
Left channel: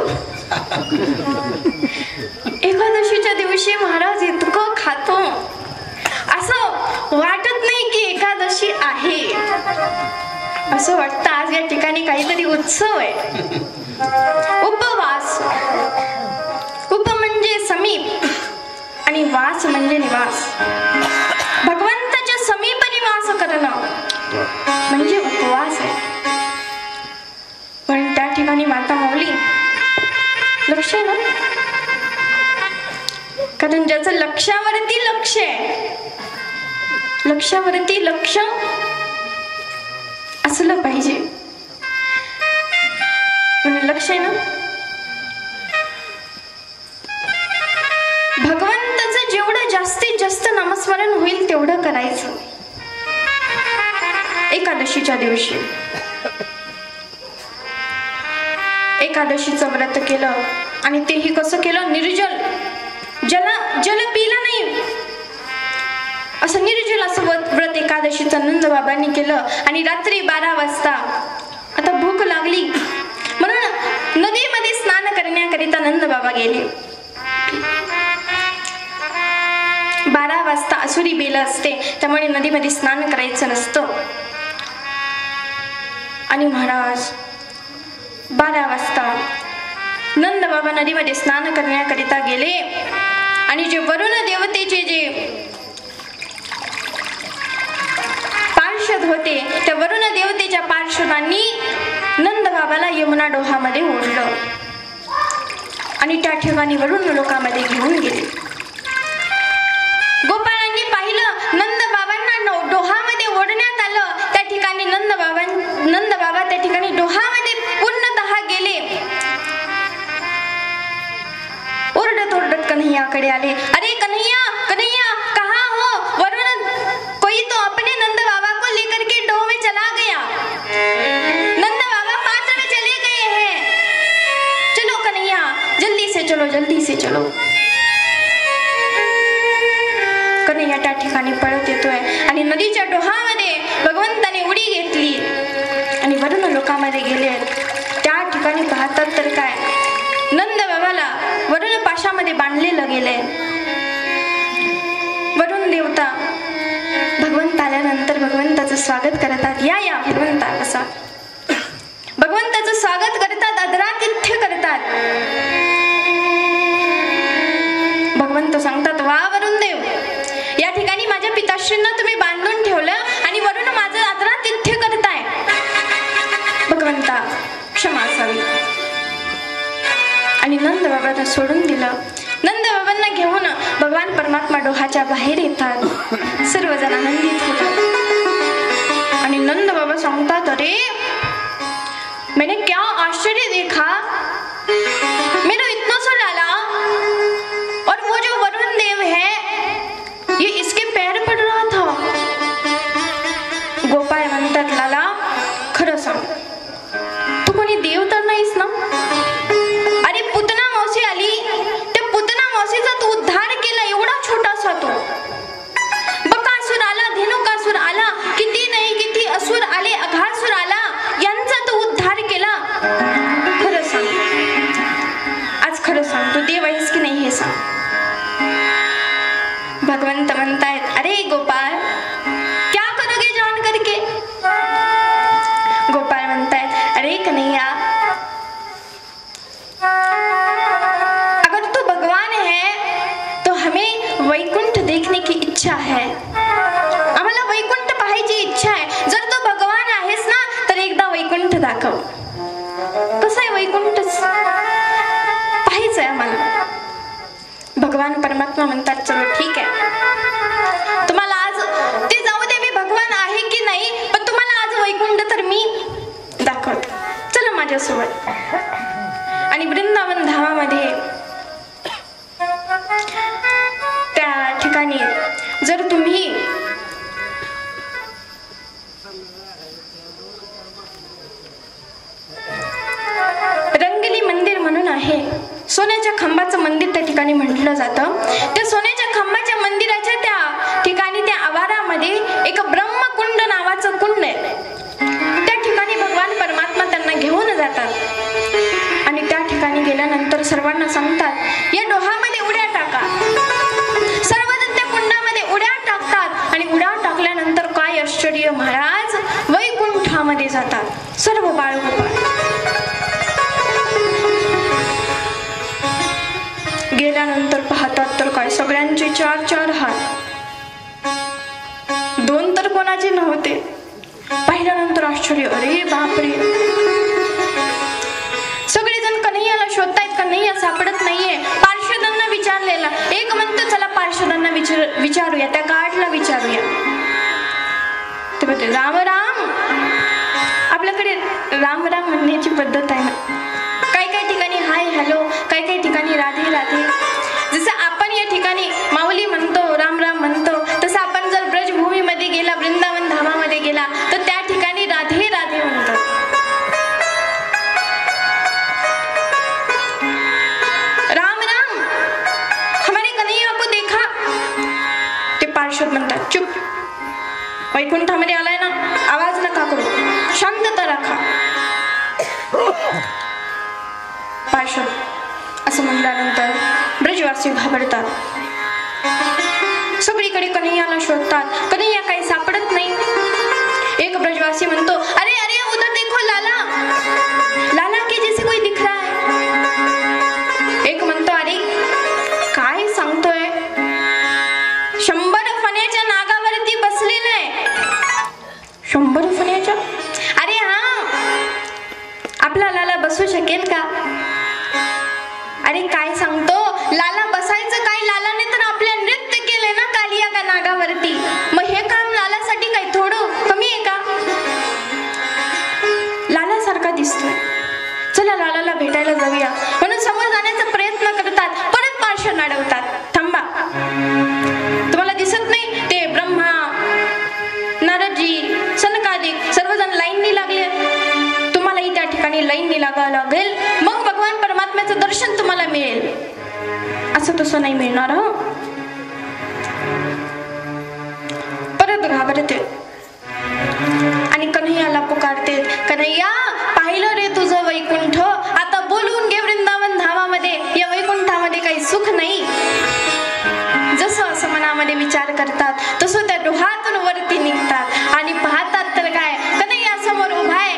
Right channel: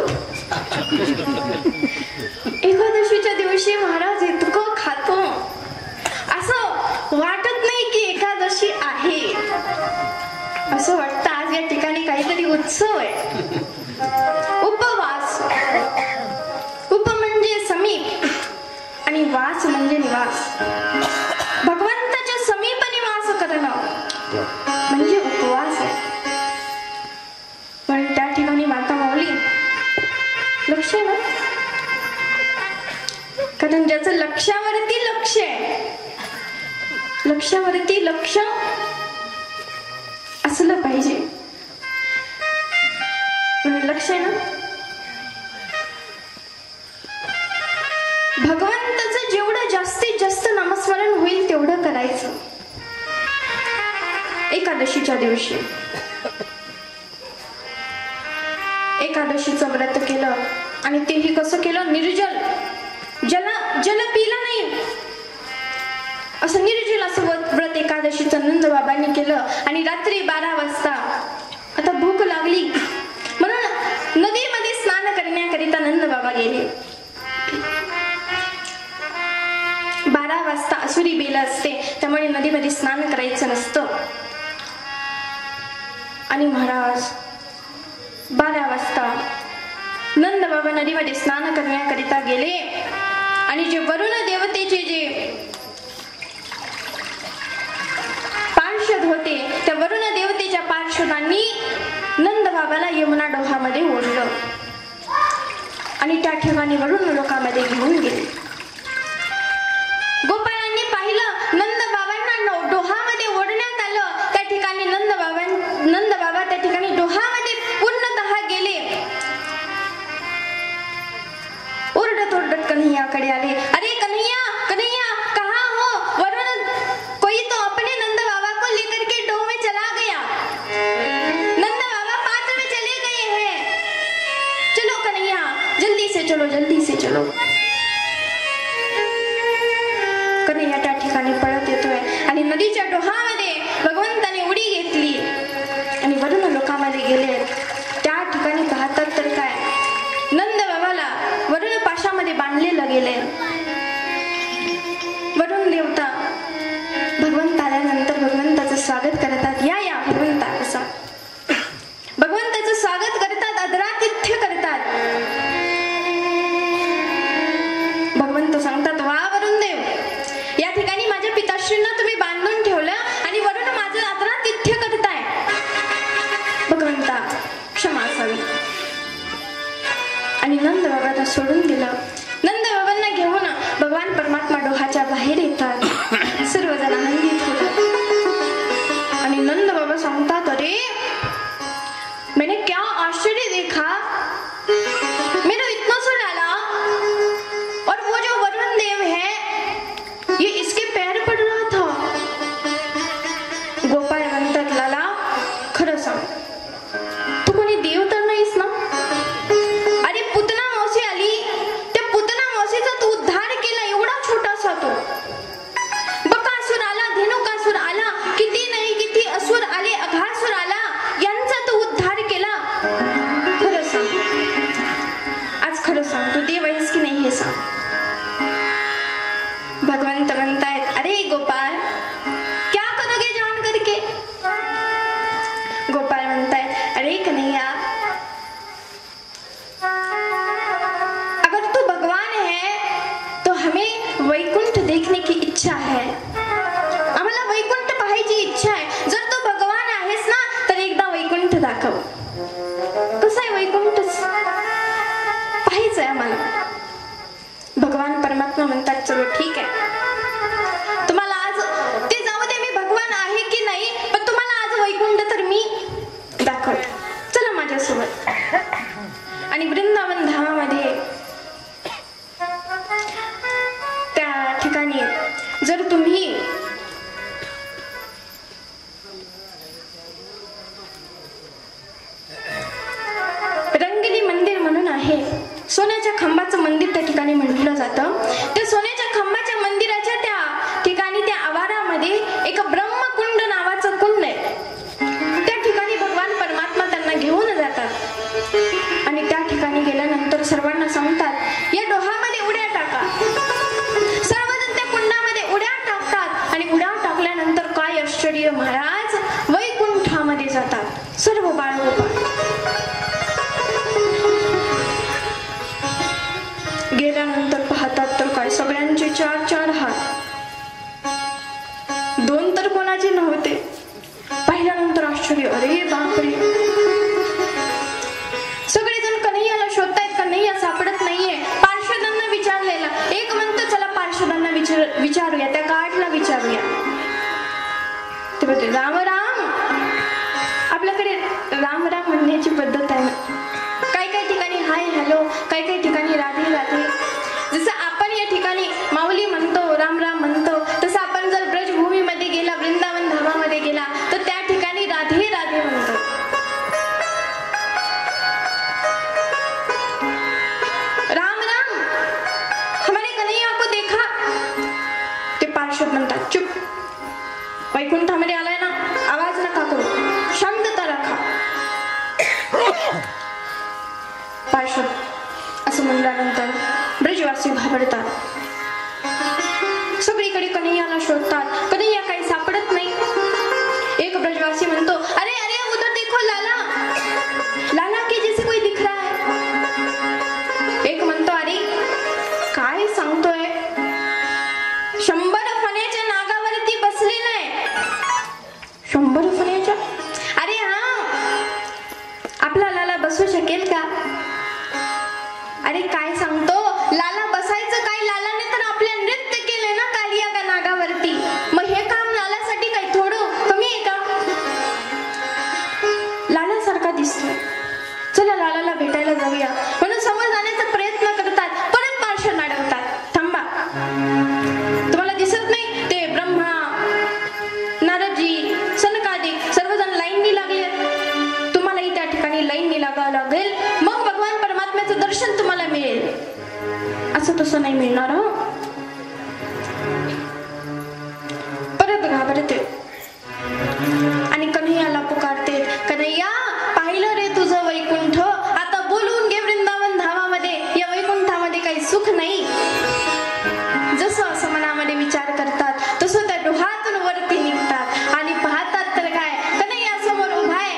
एकादशीच्या दिवशी महाराज इतकं खातो, असं वाटत नाही की एकादशी आहे. असं वाटतं आज या ठिकाणी काहीतरी उत्सव आहे. उपवास, उप म्हणजे समीप आणि वास म्हणजे निवास. भगवंताच्या समीप निवास करणं म्हणजे उपवास आहे. पण त्या ठिकाणी माता माऊली, लक्ष आहे ना, कारण ज्याचं लक्षावरती लक्ष आहे, लक्षावरती लक्ष असलं पाहिजे. म्हणजे लक्ष आहे ना, भगवंताचं जेवढं जास्तीत जास्त नामस्मरण होईल तेवढं करायचं एकादशीच्या दिवशी. एकादशीचं व्रत केलं आणि तेही कसं केलं, निर्जल, जल पिलं नाही, असं निर्जल असं व्रत एकादशीचं नंद बाबांनी केलं. आणि रात्री 12 वाजता आता भूक लागली म्हणून नदीमध्ये स्नान करण्याकरिता नंद बाबा गेले. 12 वाजता असुरी बेल असते, त्यामुळे नदीमध्ये स्नान करायचं नसतं. आणि महाराज 12 वाजता नंद बाबा नदीमध्ये स्नान करण्याकरिता गेले. आणि जे वरुण देवतेचे जे पार्षद होते, त्या वरुण देवतेच्या पार्षदांनी नंद बाबाला यमुना डोहामध्ये ओढलं आणि त्या ठिकाणी वरुण लोकामध्ये घेऊन गेले. गोपाळांनी पाहिलं नंद बाबांना डोहामध्ये ओढण्यात आलं. त्या ठिकाणी नंद बाबा त्या ठिकाणी डोहामध्ये पूर्णतः गेले. ओरडत ओरडत कन्हैयाकडे आले. अरे कन्हैया, कन्हैया कहाँ हो? वरुण कोई तो अपने नंद बाबा को लेकर के डोह में चला गया. नंद बाबा पात्र में चले गए हैं. चलो कन्हैया, जल्दी से चलो, जल्दी से चलो. कन्हैया त्या ठिकाणी पळत येतोय आणि नदीच्या डोहामध्ये भगवंताने उडी घेतली आणि वरुण लोकांमध्ये गेले. त्या ठिकाणी पाहतात तर काय, नंद बाबाला वरुण पाशामध्ये असा. भगवंताचं स्वागत करतात, आदरातिथ्य करतात. भगवंत सांगतात, वा वरुण देव, या ठिकाणी माझ्या पिताश्रींना तुम्ही बांधून ठेवलं आणि वरून माझं आदरातिथ्य करताय. भगवंता क्षमा असावी. आणि नंद बाबांना सोडून दिलं. नंद बाबांना घेऊन भगवान परमात्मा डोहाच्या बाहेर येतात. सर्वजण आनंदित होतात. आणि नंद बाबा सांगतात, अरे मैंने क्या आश्चर्य देखा, मेरा इतना सा डाला और वो जो वरुण देव है ये इसके पैर पड़ रहा था. गोपाळ म्हणतात, लाला खरं सांग, तू कोणी देव तर नाहीस ना? अरे पुतना मावशी आली, त्या पुतना मावशीचा तू उद्धार केला. एवढा छोटासा तो बकासूर आला, धेनुकासूर आला, किती नाही किती असुर आले, अघासुर आला, यांचा तू उद्धार केला. खरं सांग, आज खरं सांग, तू देव आहेस की नाही हे सांग. भगवंत म्हणतायत, अरे गोपाळ, क्या करोगे जान करके? गोपाळ म्हणतायत, अरे कन्हैया, अगर तू भगवान है तो हमें वैकुंठ देखने की इच्छा है. आम्हाला वैकुंठ पाहायची इच्छा आहे. जर तू भगवान आहेस ना तर एकदा वैकुंठ दाखव. कसं आहे वैकुंठ पाहायचंय आम्हाला. भगवान परमात्मा म्हणतात, चलो ठीक आहे, तुम्हाला आज ते जाऊ दे, मी भगवान आहे की नाही, पण तुम्हाला आज वैकुंठ तर मी दाखवते, चला माझ्यासोबत. आणि वृंदावन धामामध्ये त्या ठिकाणी जर तुम्ही रंगली मंदिर म्हणून आहे, सोन्याच्या खांबाचं मंदिर त्या ठिकाणी म्हटलं जातं. त्या सोन्याच्या खांबाच्या मंदिराच्या त्या ठिकाणी त्या आवारामध्ये एक ब्रह्मकुंड नावाचं कुंड आहे. त्या ठिकाणी भगवान परमात्मा त्यांना घेऊन जातात. आणि त्या ठिकाणी गेल्यानंतर सर्वांना सांगतात, या डोहामध्ये उड्या टाका. सर्वजण त्या कुंडामध्ये उड्या टाकतात. आणि उड्या टाकल्यानंतर काय आश्चर्य, महाराज वैकुंठामध्ये जातात सर्व बाळगोपाळ. गेल्यानंतर पाहतात तर काय, सगळ्यांचे 4-4 हात, 2 तर कोणाचे नव्हते. पाहिल्यानंतर आश्चर्य, अरे बापरे. सगळेजण कन्हैयाला शोधतायत, कन्हैया सापडत नाहीये. पार्षदांना विचारलेला, एक म्हणतो चला पार्षदांना विचारूया, त्या गाढला विचारूया. ते म्हणते, राम राम. आपल्याकडे राम राम म्हणण्याची पद्धत आहे ना. काही काही ठिकाणी हाय हॅलो, काही काही ठिकाणी राधे राधे. जसं आपण या ठिकाणी माऊली म्हणतो, राम राम म्हणतो, तसं आपण जर ब्रजभूमीमध्ये गेला, वृंदावन धामामध्ये गेला तर त्या ठिकाणी राधे राधे म्हणतो. राम राम, हमारे कन्हैया को देखा. ते पार्षद म्हणतात, चुप, वैकुंठामध्ये आलाय ना, आवाज नका करू, शांतता राखा. पार्षद असं म्हणल्यानंतर ब्रजवासी घाबरतात. सगळीकडे कन्हैयाला शोधतात, कन्हैया काही सापडत नाही. एक ब्रजवासी म्हणतो, अरे अरे उधर देखो लाला, लाला के जैसे कोई दिख रहा है. एक म्हणतो, अरे काय सांगतोय, 100 फण्याच्या नागावरती बसलेला आहे. 100 फण्याच्या? अरे हा, आपला लाला बसू शकेल का? अरे काय सांगतो, लाला बसायचं काय, लालाने तर आपल्या नृत्य केले ना कालिया का नागावरती. मग हे काम लालासाठी काय थोडं कमी आहे का? लाला सारखा दिसतोय, चला लालाला भेटायला जाऊया म्हणून समोर जाण्याचा प्रयत्न करतात. परत पार्षद अडवतात, थांबा, तुम्हाला दिसत नाही ते ब्रह्मा नारदजी सनकादिक सर्वजण लाईननी लागले, तुम्हालाही त्या ठिकाणी लाईननी लागावं लागेल, मग भगवान परमात्म्याचं दर्शन तुम्हाला मिळेल. असं तसं नाही मिळणार. परत घाबरते आणि कन्हैयाला पुकारते, कन्हैया पाहिलं रे तुझं वैकुंठ, आता बोलवून घे वृंदावन धामामध्ये. या वैकुंठामध्ये काही सुख नाही. जसं असं मनामध्ये विचार करतात तसं त्या डोहातून वरती निघतात आणि पाहतात तर काय, कन्हैया समोर उभा आहे.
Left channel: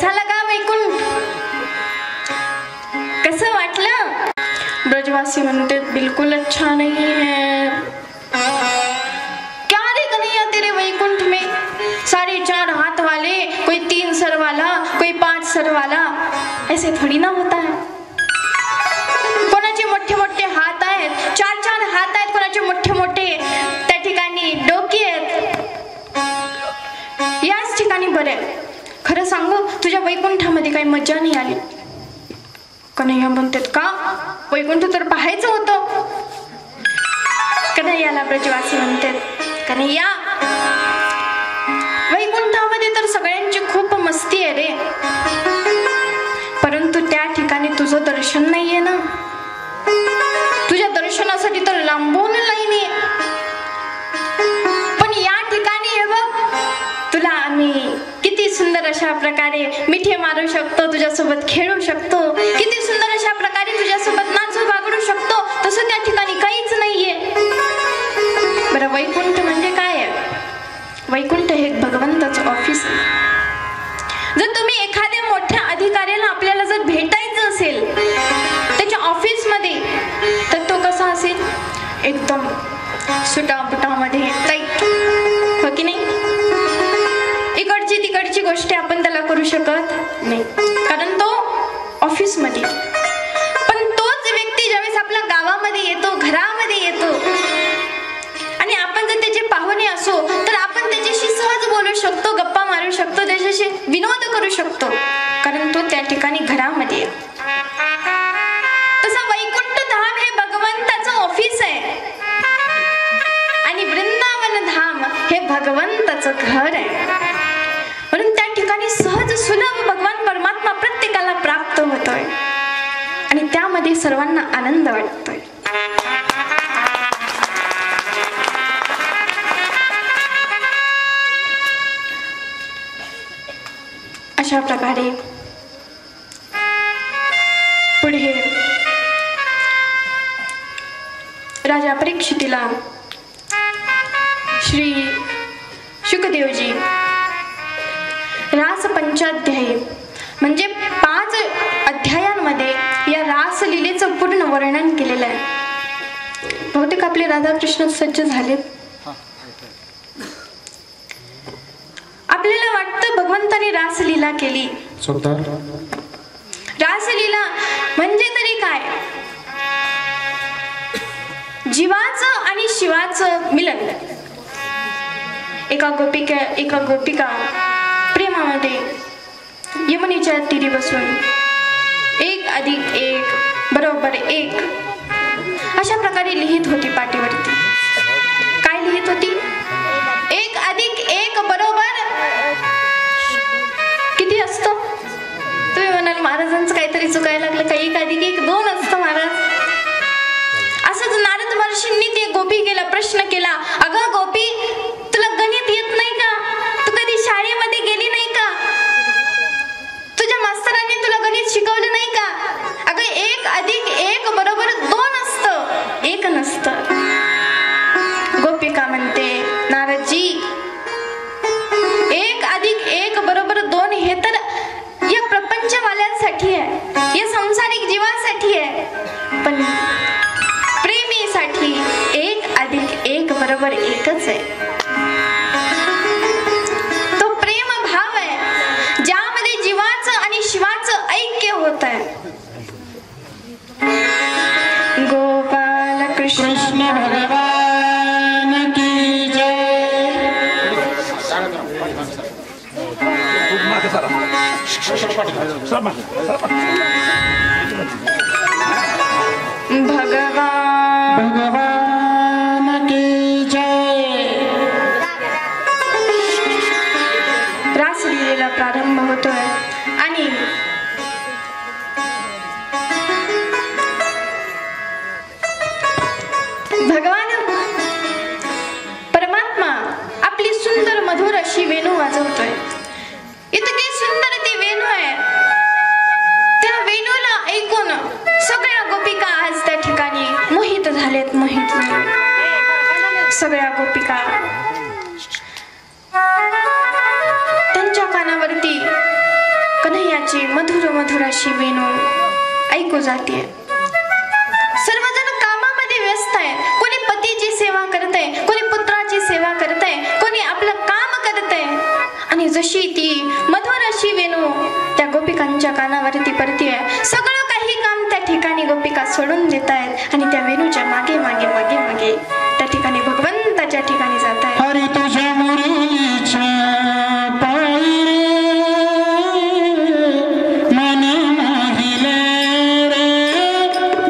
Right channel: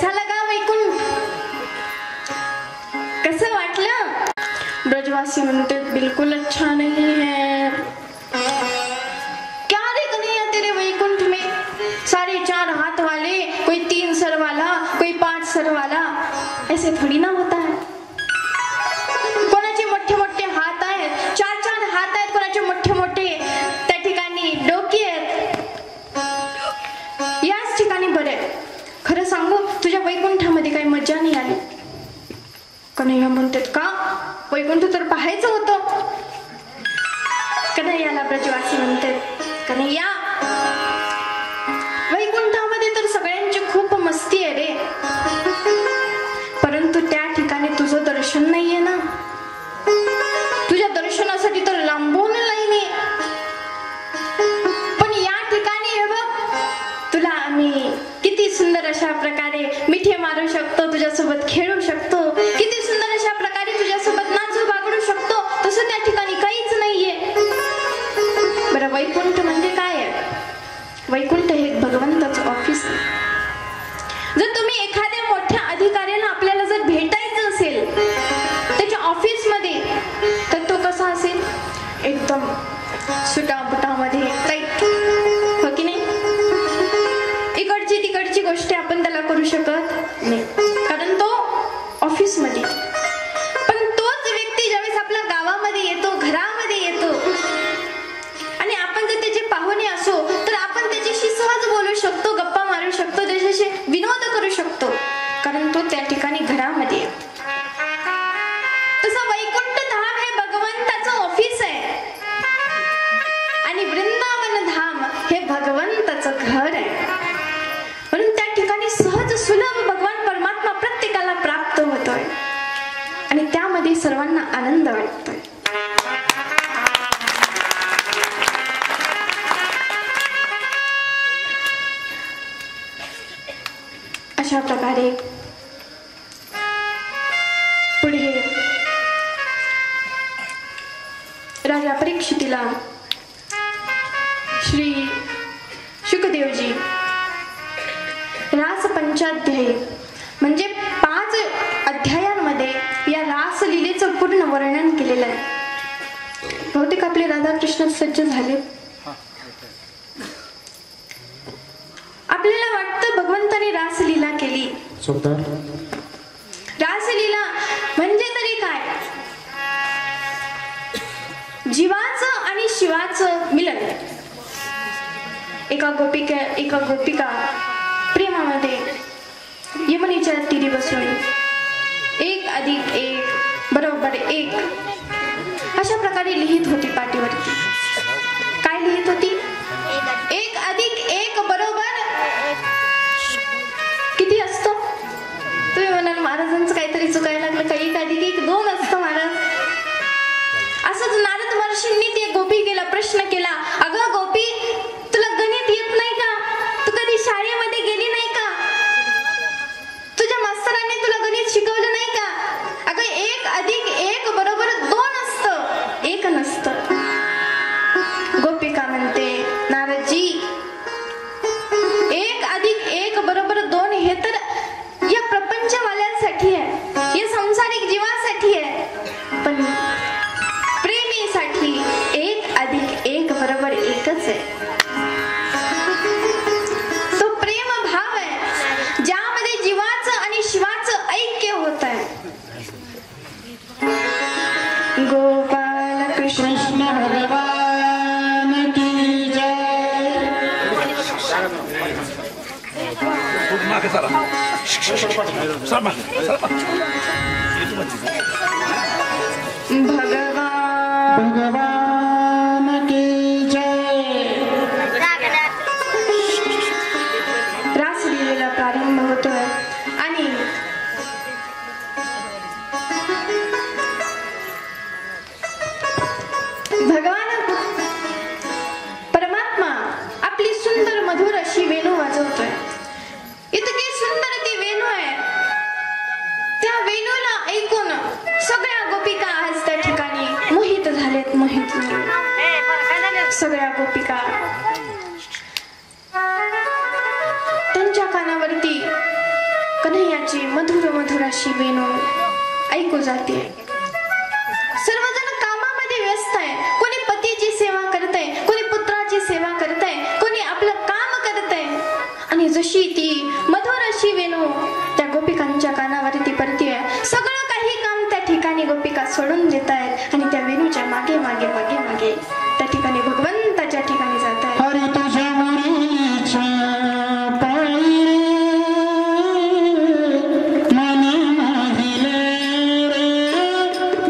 कैसा लगा वैकुंठ? कसं वाटलं? ब्रजवासी म्हणते बिल्कुल अच्छा नहीं है. क्या रे कन्हैया तेरे वैकुंठ में? 4.5 हाथ वाले, कोई 3 सर वाला, कोई 5 सर वाला, ऐसे थोड़ी ना होता है. कोणाचे मोठे मोठे हात आहेत, 4 हात आहेत, कोणाचे मोठे मोठे त्या ठिकाणी डोके आहेत. याच ठिकाणी बरे. खरं सांगू, तुझ्या वैकुंठामध्ये काही मजा नाही आली. कन्हैया म्हणतात का? वैकुंठ तर पाहायचं होतं. कन्हैयाला ब्रजवासी म्हणतात, कन्हैया वैकुंठामध्ये तर सगळ्यांची खूप मस्ती आहे रे, परंतु त्या ठिकाणी तुझं दर्शन नाहीये ना. तुझ्या दर्शनासाठी तर लांबून लाईन आहे. पण या ठिकाणी हे बघ, तुला आम्ही किती सुंदर अशा प्रकारे मिठी मारू शकतो, तुझ्यासोबत खेळू शकतो, किती सुंदर अशा प्रकारे तुझ्यासोबत नाचू बागडू शकतो. तसं त्या ठिकाणी काहीच नाहीये. बरं, वैकुंठ म्हणजे काय आहे? वैकुंठ हे भगवंताचं ऑफिस आहे. जर तुम्ही एखाद्या मोठ्या अधिकाऱ्याला आपल्याला जर भेटायचं असेल त्याच्या ऑफिस मध्ये, तर तो कसा असेल? एकदम सुटाबुटामध्ये टाईट, हो की नाही? इकडची तिकडची गोष्टी आपण त्याला करू शकत नाही, कारण तो ऑफिस मध्ये. पण तोच व्यक्ती ज्यावेळेस आपल्या गावामध्ये येतो, घरामध्ये येतो, आणि आपण जर त्याचे पाहुणे असो तर आपण त्याच्याशी सहज बोलू शकतो, गप्पा मारू शकतो, त्याच्याशी विनोद करू शकतो, कारण तो त्या ठिकाणी घरामध्ये येतो. तसं वैकुंठ धाम हे भगवंताचं ऑफिस आहे आणि वृंदावन धाम हे भगवंताचं घर आहे. म्हणून त्या ठिकाणी सहज सुलभ भगवान परमात्मा प्रत्येकाला प्राप्त होतोय आणि त्यामध्ये सर्वांना आनंद वाटतोय. अशा प्रकारे पुढे राजा परीक्षितीला श्री शुकदेवजी रास पंचाध्यायी म्हणजे 5 अध्यायांमध्ये या रासलीलेचं पूर्ण वर्णन केलेलं आहे. बहुतेक आपले राधाकृष्ण सज्ज झाले. आपल्याला वाटतं भगवंताने रासलीला केली. रासलीला म्हणजे तरी काय? जीवाचं आणि शिवाचं मिलन. एका गोपिका प्रेमामध्ये यमुनेच्या तीरी बसून 1+1 = 1 अशा प्रकारे लिहित होती पाटीवरती. काय लिहित होती? 1+1 किती असतं? तुम्ही म्हणाल महाराजांचं काहीतरी चुकायला लागलं, काही 1+1 2 असतं महाराज. असंच नारद महर्षींनी ते गोपिकेला प्रश्न केला, अगं गोपी, तुला गणित येत नाही का? तू कधी शाळेमध्ये गेली नाही का? तुझ्या मास्तरांनी तुला गणित शिकवलं नाही का? अगं 1+1 = 2 असतं, 1 नसतं. गोपिका म्हणते, नारदजी 1+1 = 2 हे तर या प्रपंचवाल्यांसाठी आहे, या संसारिक जीवासाठी आहे, पण प्रेमीसाठी 1+1 = 1च आहे. तो प्रेम भाव आहे ज्यामध्ये जीवाचं आणि शिवाचं ऐक्य होत आहे. गोपाल कृष्ण भगवान की जय. भगवान की जय. रासलीलेला प्रारंभ होतोय आणि भगवान परमात्मा आपली सुंदर मधुर अशी वेणू वाजवतोय. इतकी सुंदर ती वेणू आहे. त्या वेणूला ऐकून सगळ्या गोपिका आज त्या ठिकाणी मोहित झालेत. सगळ्या गोपिका त्यांच्या कानावरती कन्हैयाची मधुर मधुर अशी वेणू ऐकू जाते. सर्वजण कामामध्ये व्यस्त आहे. कोणी पतीची सेवा करते, कोणी पुत्राची सेवा करते, कोणी आपलं काम करते. आणि जशी ती मधुर अशी वेणू त्या गोपिकांच्या कानावरती पडते, सगळं काही काम त्या ठिकाणी गोपिका सोडून देत आहेत आणि त्या वेणूच्या मागे मागे मागे मागे त्या ठिकाणी भगवंताच्या ठिकाणी जात आहेत. हरी तुझ्या मुरलीच्या पायी मन मोहिले रे,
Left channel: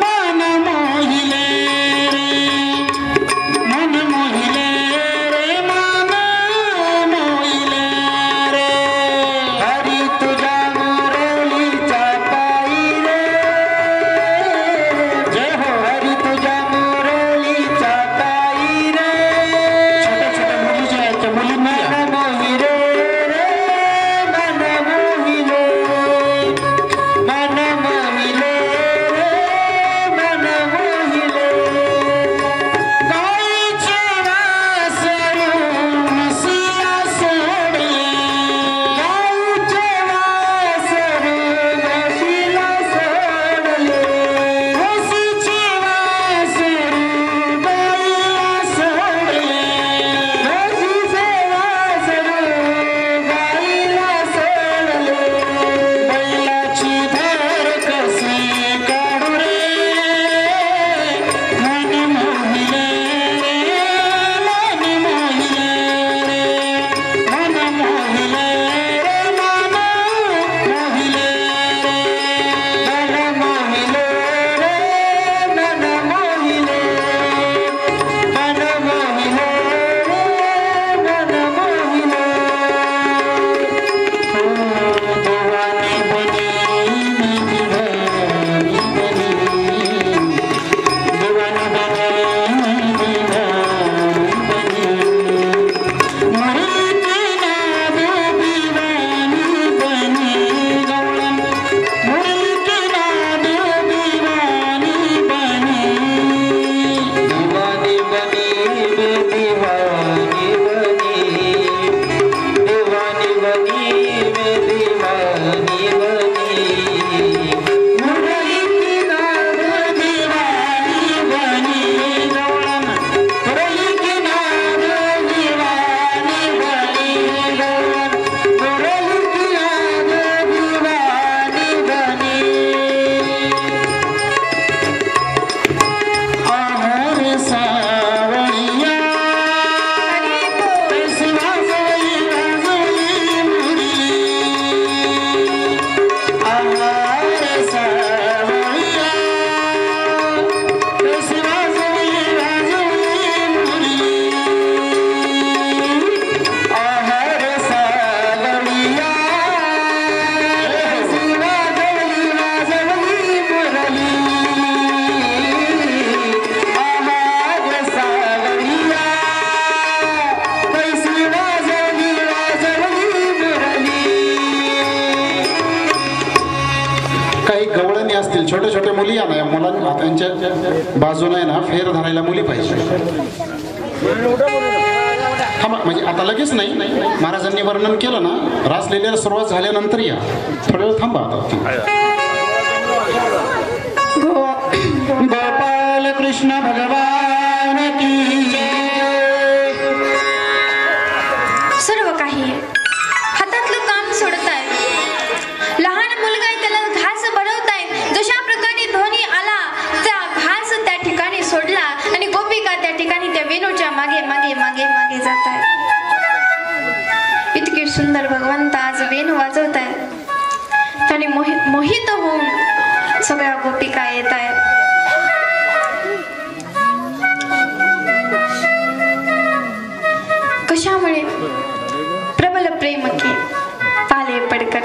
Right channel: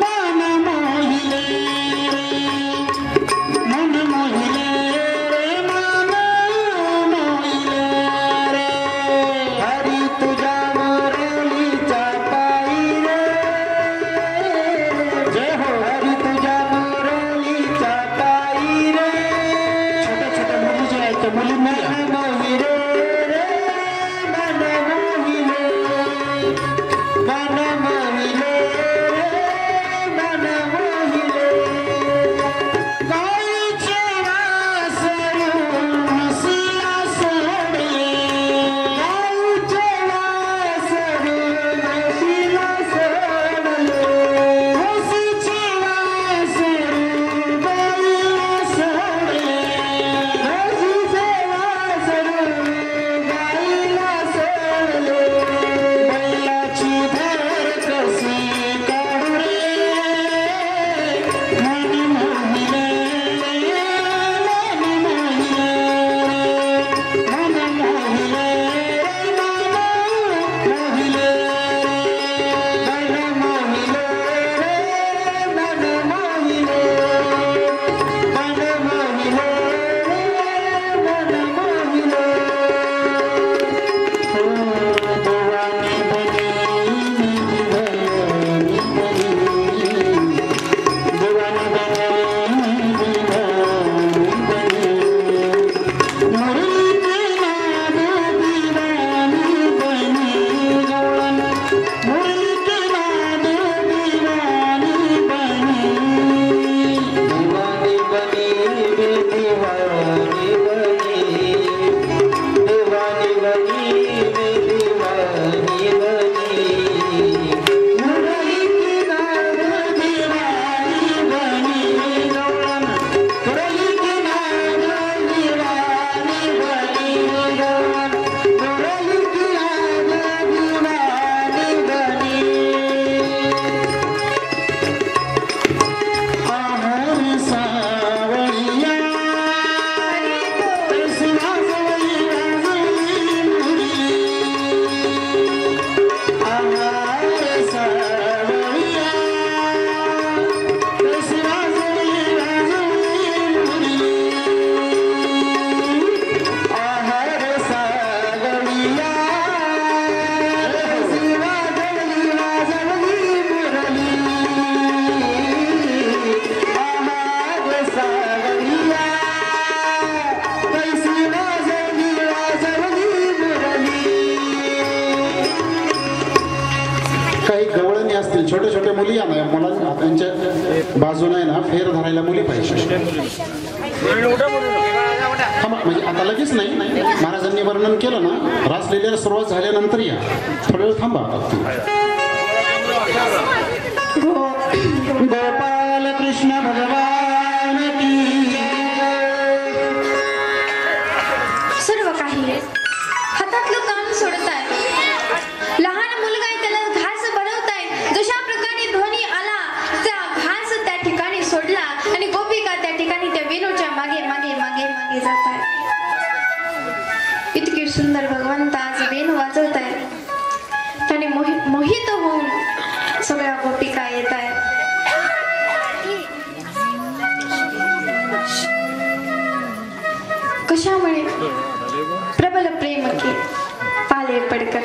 मन मोहिले रे, मन मोहिले रे, मन मोहिले रे. हरी तुझ्या मुरलीच्या पायी रे, जय हो. हरी तुझ्या मुरलीच्या पायी रे, छोट्या छोट्या मुली ज्या आहेत त्या मुलींना मन मोहिले रे, मन मोहिले, मन मोहिले रे, मन मोहिले. गाईचे वासरू म्हशीला सोडले, गाईचे वासरू म्हशीला सोडले, म्हशीचे वासरू गाईला सोडले, म्हशीचे वासरू गाईला सोडले. बैलाची धार कशी काढू रे, मन मोहिले रे, मन मोहिले रे, मन मोहिले रे, मन मोहिले रे, मन मोहिले रे, मन मोहिले, मन मोहिले रे, मन मोहिले. ओ देवानी बनी मी दिवानी बनी, देवानी बनी मी दिवानी बनी, मुरली की नाद दीवानी बनी गौरम, मुरली की नाद दीवानी बनी, दीवानी बनी मैं दीवानी बनी, दीवानी बनी मैं दीवानी बनी, मुरली की नाद दीवानी बनी गौरम, मुरली की नाद दीवानी बनी गौरम, मुरली की नाद दीवानी बनी. आहार सावरिया कैसी वाजवी वाजवी मुरली, आहार सावरिया कैसी वाजवी वाजवी मुरली, आहार सावरिया कैसी वाजवी वाजवी मुरली, आहार सावरिया कैसी वाजवी वाजवी मुरली. काही गवळणी असतील, छोट्या छोट्या मुली या ना, मुलांना त्यांच्या बाजूने आहे ना फेर धरायला मुली पाहिजे. थांबा, म्हणजे आता लगेच नाही, महाराजांनी वर्णन केलं ना, रासलीलेला सुरुवात झाल्यानंतर या, थोडा वेळ थांबा. गोपाल कृष्ण भगवान की जय. सर्व काही हातातलं काम सोडताय. लहान मुलगा आहे, त्याला घास भरवताय. जशा प्रकारे ध्वनी आला, त्या घास त्या ठिकाणी सोडला आणि गोपिका त्या ठिकाणी त्या वेणूच्या मागे मागे मागे मागे जात आहे. इतकी सुंदर भगवंत आज वेणू वाजवत आहे. त्याने मोहित होऊन सगळ्या गोपिका येत आहेत. कशामुळे? प्रबल प्रेम के पाले पडकर.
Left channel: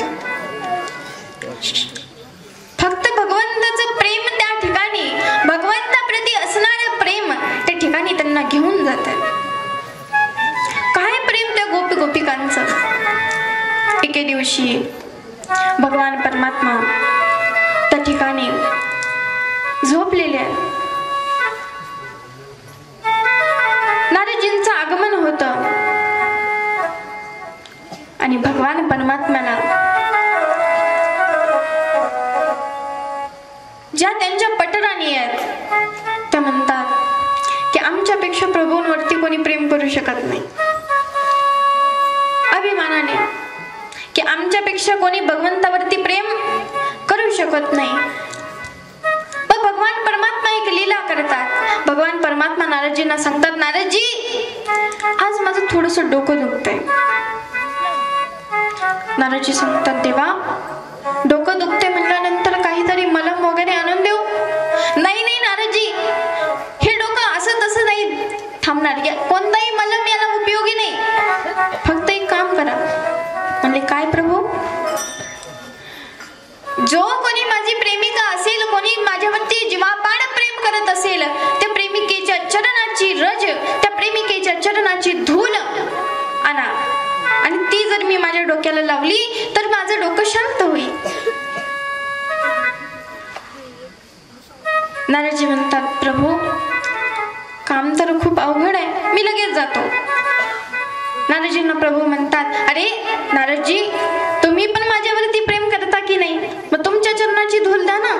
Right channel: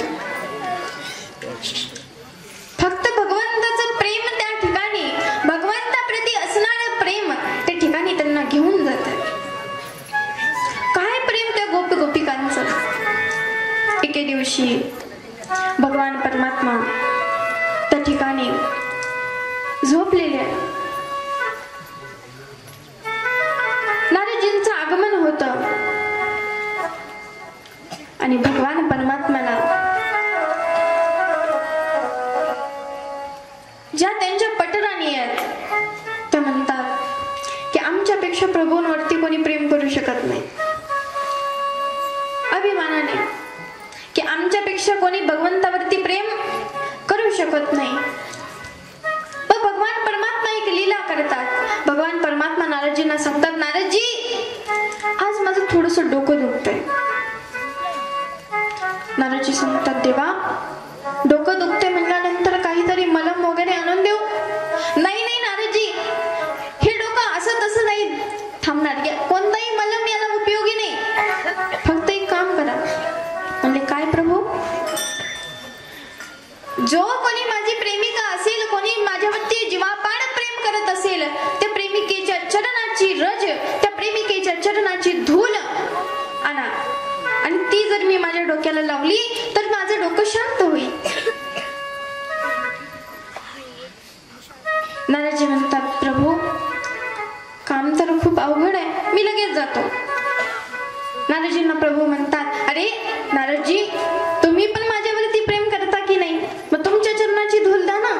फक्त भगवंताचं प्रेम त्या ठिकाणी, भगवंताप्रती असणारं प्रेम त्या ठिकाणी त्यांना घेऊन जात आहे. काय प्रेम त्या गोपिकांचं. एके दिवशी भगवान परमात्मा त्या ठिकाणी झोपलेले आहे. नारदजींचं आगमन होतं आणि भगवान परमात्म्याला करू शकत नाही अभिमानाने की आमच्यापेक्षा कोणी भगवंतावरती प्रेम करू शकत नाही. पण भगवान परमात्मा एक लीला करतात. भगवान परमात्मा नारदजींना सांगतात, नारदजी आज माझं थोडस डोकं दुखतंय. नारदजी सांगतात, देवा डोकं दुखते म्हणल्यानंतर काहीतरी मलम वगैरे आणून देऊ? नाही नाही नारदजी, हे डोकं असं तसं नाही थांबणार, कोणताही मलम याला उपयोगी नाही. फक्त एक काम करा. म्हणले, काय प्रभू? जो कोणी माझी प्रेमिका असेल, कोणी माझ्यावरती जीवापाड प्रेम करत असेल, त्या प्रेमिकेच्या चरणाची रज, त्या प्रेमिकेच्या चरणाची धूल आणा आणि ती जर मी माझ्या डोक्याला लावली तर माझं डोकं शांत होईल. नारदजी म्हणतात, प्रभू काम तर खूप अवघड आहे, मी लगेच जातो. नारदजींना प्रभू म्हणतात, अरे नारदजी तुम्ही पण माझ्यावरती प्रेम करता की नाही? मग तुमच्या चरणाची धूल द्या ना.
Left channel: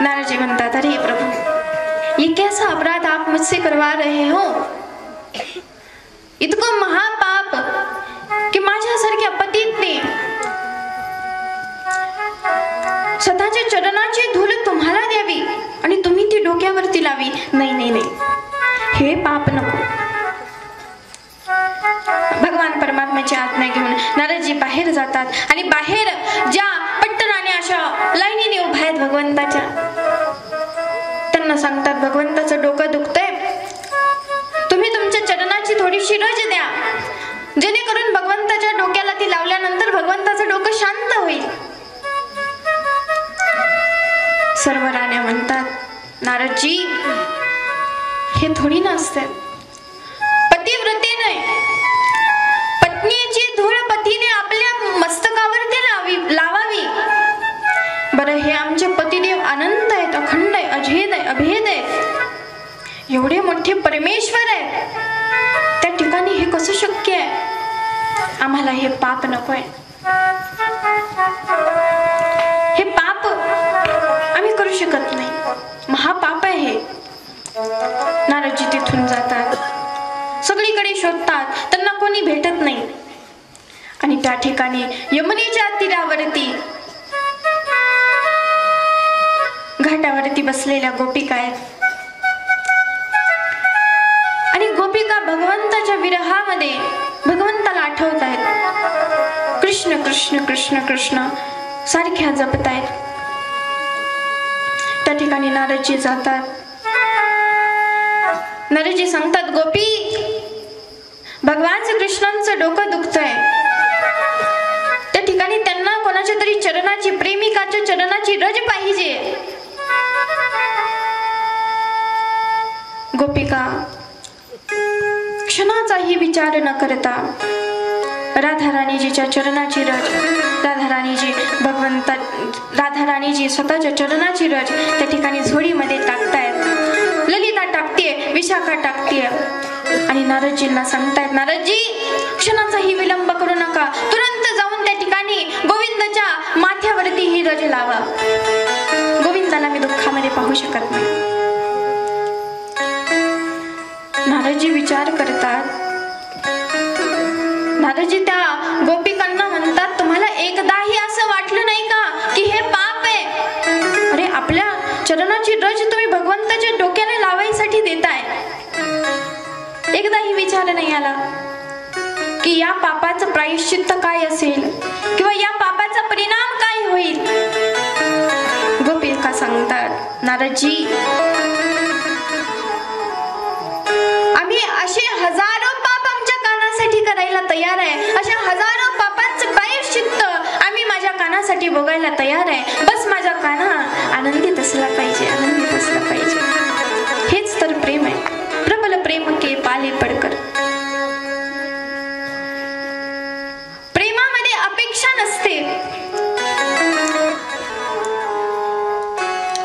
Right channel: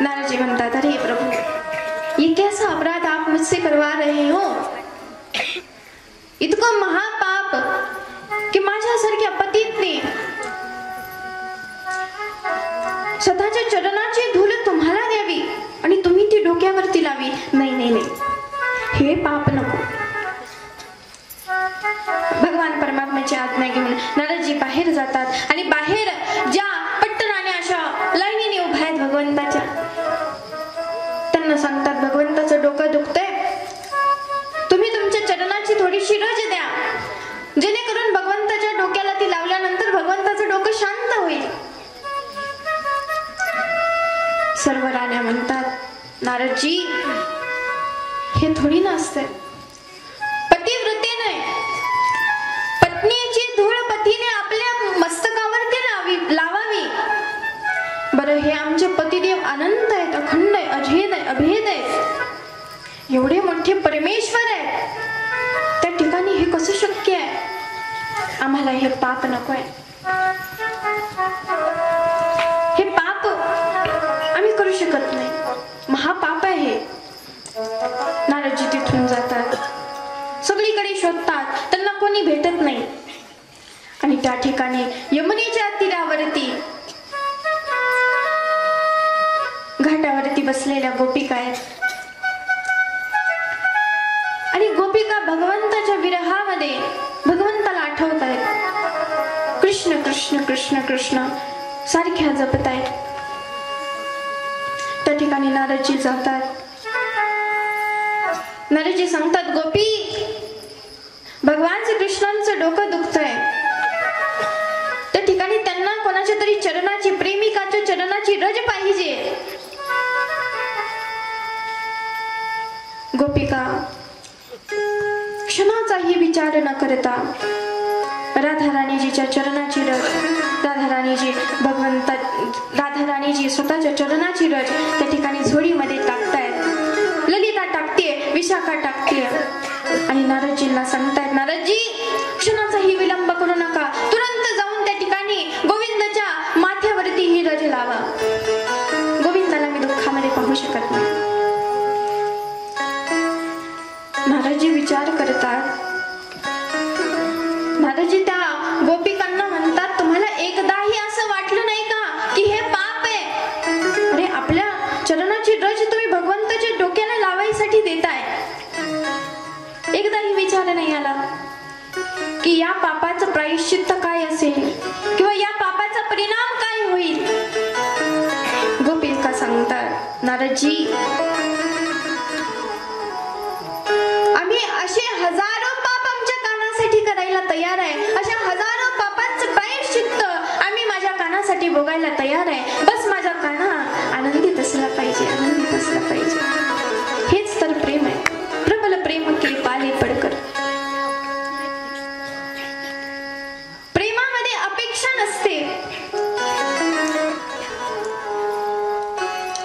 नारदजी म्हणतात, अरे प्रभु ये कैसा अपराध आप मुझसे करवा रहे हो? इतकं महापाप की माझ्यासारख्या पतीने स्वतःच्या चरणाची धूल तुम्हाला द्यावी आणि तुम्ही ती डोक्यावरती लावी. नाही नाही नाही, हे पाप नको. भगवान परमात्म्याची आज्ञा घेऊन नारदजी बाहेर जातात आणि बाहेर ज्या पट्टनाने अशा लाईनीने उभ्या आहेत भगवंताच्या, त्यांना सांगतात, भगवंताचं डोकं दुखतंय, तुम्ही तुमच्या चरणाची थोडीशी रज द्या, जेणेकरून भगवंताच्या डोक्याला ती लावल्यानंतर भगवंताचं डोकं शांत होईल. सर्व राण्या म्हणतात, नारदजी हे थोडी नसते. पतिव्रतेने पत्नीची धूळ पतीने आपल्या मस्तकावरती लावावी. बरं, हे आमचे पतिदेव अनंत आहेत, अखंड आहे, अभेद आहे, अभेद आहेत, एवढे मोठे परमेश्वर आहेत, त्या ठिकाणी हे कसं शक्य आहे? आम्हाला हे पाप नकोय. हे पाप आम्ही करू शकत नाही, महापाप आहे हे. नारदजी तिथून जातात, सगळीकडे शोधतात, त्यांना कोणी भेटत नाही. आणि त्या ठिकाणी यमुनेच्या तीरावरती घाटावरती बसलेल्या गोपिका आहेत आणि गोपिका भगवंताच्या विरहामध्ये भगवंताला आठवत आहेत. कृष्ण कृष्ण कृष्ण कृष्ण सारख्या जपत आहेत. त्या ठिकाणी नारदजी जातात. नारदजी सांगतात, गोपी भगवान श्रीकृष्णांचं डोकं दुखतंय. त्या ठिकाणी त्यांना कोणाच्या तरी चरणाची, प्रेमिकाच्या चरणाची रज पाहिजे. गोपिका क्षणाचाही विचार न करता राधाराणीजीच्या चरणाची रज, राधाराणीजी भगवंता, राधाराणीजी स्वतःच्या चरणाची रज त्या ठिकाणी झोळीमध्ये टाकतायत. ललिता टाकतीये, विशाखा टाकतीये आणि नारदजींना सांगतायत, नारदजी क्षणाचाही विलंब करू नका, तुरंत जाऊन त्या ठिकाणी गोविंदाच्या माथ्यावरती ही रज लावा. गोविंदाला मी दुःखामध्ये पाहू शकत नाही. नारदजी विचार करतात. नारदजी त्या गोपिकांना म्हणतात, तुम्हाला एकदाही असं वाटलं नाही का की हे पाप आहे? अरे आपल्या चरणाची रज तुम्ही भगवंताच्या डोक्याला लावायसाठी देताय. एकदाही विचार नाही आला की या पापाचं प्रायश्चित्त काय असेल किंवा या पापाचा परिणाम काय होईल? गोपिका सांगतात, नारदजी आम्ही असे हजारो पाप आमच्या कानासाठी करायला तयार आहे. अशा हजारो पापांचं प्रायश्चित्त आम्ही माझ्या कानासाठी भोगायला तयार आहे. बस माझा काना आनंदित असला पाहिजे, आनंदित असला पाहिजे. हेच तर प्रेम आहे. प्रबल प्रेम के पाले पडकर. प्रेमामध्ये अपेक्षा नसते.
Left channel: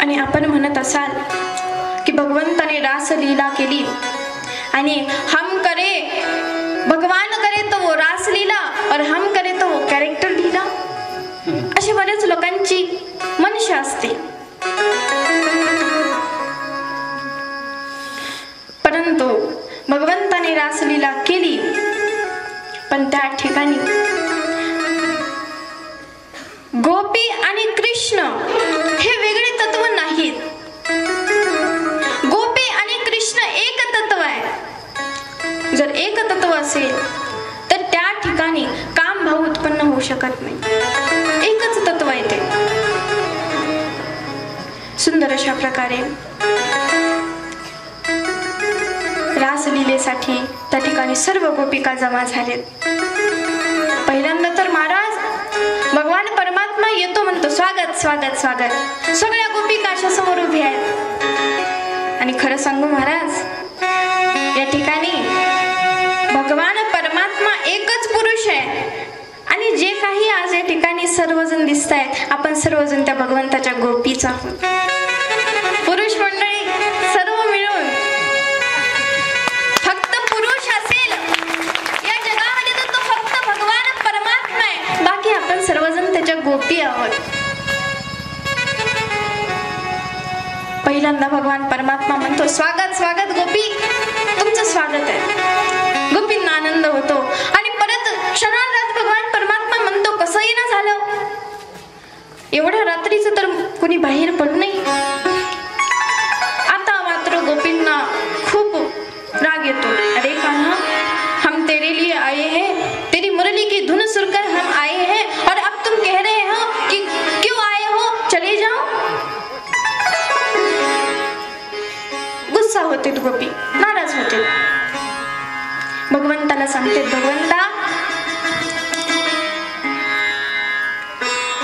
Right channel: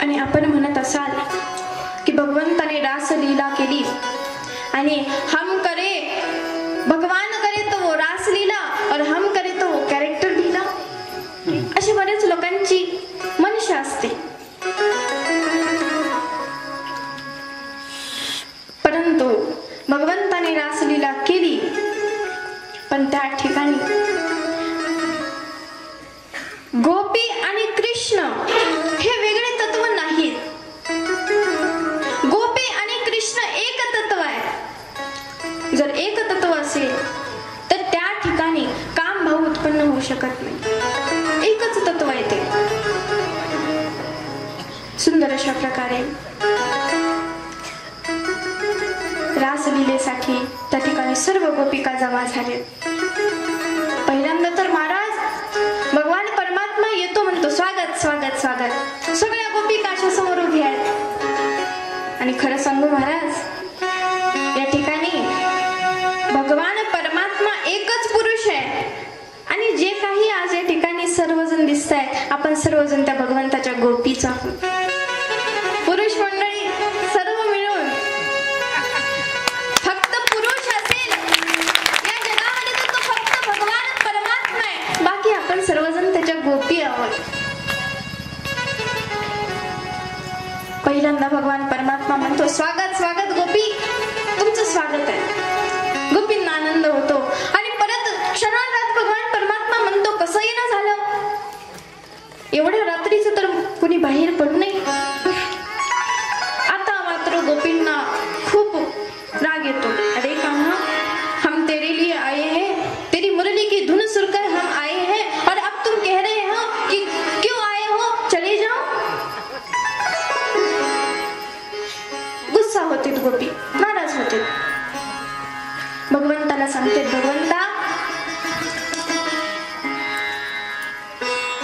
आणि आपण म्हणत असाल की भगवंताने रासलीला केली आणि हम करे, भगवान करे तो वो रासलीला और हम करे तो वो कॅरेक्टर लीला. अशी बरेच लोकांची मनशा असते. परंतु भगवंत रासलीला केली, पण त्या ठिकाणी गोपी आणि कृष्ण हे वेगळे तत्व नाहीत. गोपी आणि कृष्ण एक तत्व आहे. जर एक तत्व असेल तर त्या ठिकाणी काम भाव उत्पन्न होऊ शकत नाही. एकच तत्व आहे ते. सुंदर अशा प्रकारे रासलीलेसाठी त्या ठिकाणी सर्व गोपिका जमा झालेत. पहिल्यांदा तर महाराज भगवान परमात्मा येतो म्हणतो, स्वागत स्वागत स्वागत. सगळ्या गोपिका अशा समोर उभ्या आहेत. आणि खरं सांगू महाराज, या ठिकाणी भगवान परमात्मा एकच पुरुष आहे. आणि जे काही आज या ठिकाणी सर्वजण दिसत आहेत, आपण सर्वजण त्या भगवंताच्या गोपीच आहोत. पुरुष मंडळी सर्व मिळून फक्त पुरुष असेल या जगामध्ये तर तो फक्त भगवान परमात्मा आहे. बाकी आपण सर्वजण त्याच्या गोपी आहोत. पहिल्यांदा भगवान परमात्मा म्हणतो, स्वागत स्वागत गोपी, तुमचं स्वागत आहे. गोपींना आनंद होतो. आणि परत क्षणार्धात भगवान परमात्मा म्हणतो, कसंही ना झालं, एवढ्या रात्रीचं तर कोणी बाहेर पडू नये. आता मात्र गोपींना खूप राग येतो. अरे कान्हा, हम तेरे लिए आए हैं, तेरी मुरली की धुन सुनकर हम आए हैं, और अब तुम कह रहे हो कि क्यों आए हो, चले जाओ. गुस्सा होते गोपी, नाराज होते. भगवंताला सांगते, भगवंता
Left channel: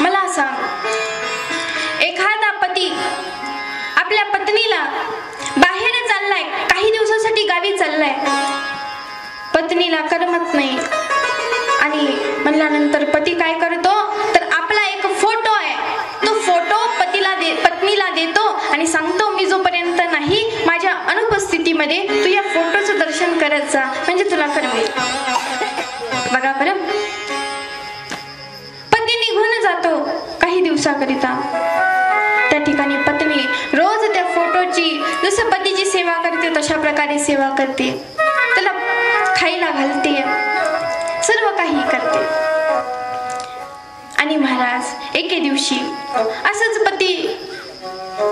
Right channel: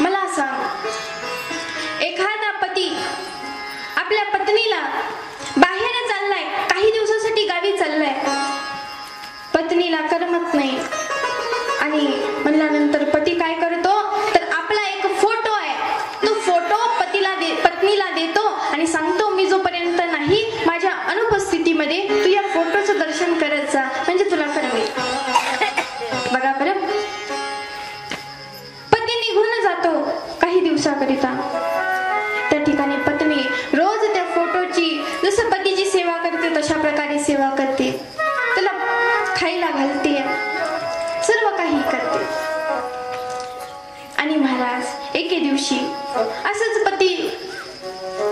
मला सांग, एखादा पती आपल्या पत्नीला बाहेर चाललाय, काही दिवसासाठी गावी चाललाय, पत्नीला करमत नाही. आणि म्हणल्यानंतर पती काय करतो, तर आपला एक फोटो आहे, तो फोटो पत्नीला देतो आणि सांगतो, मी जोपर्यंत नाही माझ्या अनुपस्थितीमध्ये तू या फोटोचं दर्शन करत जा, म्हणजे तुला करमेल. बघा बरं, पती निघून जातो काही दिवसाकरिता. त्या ठिकाणी पत्नी रोज त्या फोटोची जसं पतीची सेवा करते तशा प्रकारे सेवा करते, त्याला खायला घालते, सर्व काही करते. आणि महाराज एके दिवशी असंच पती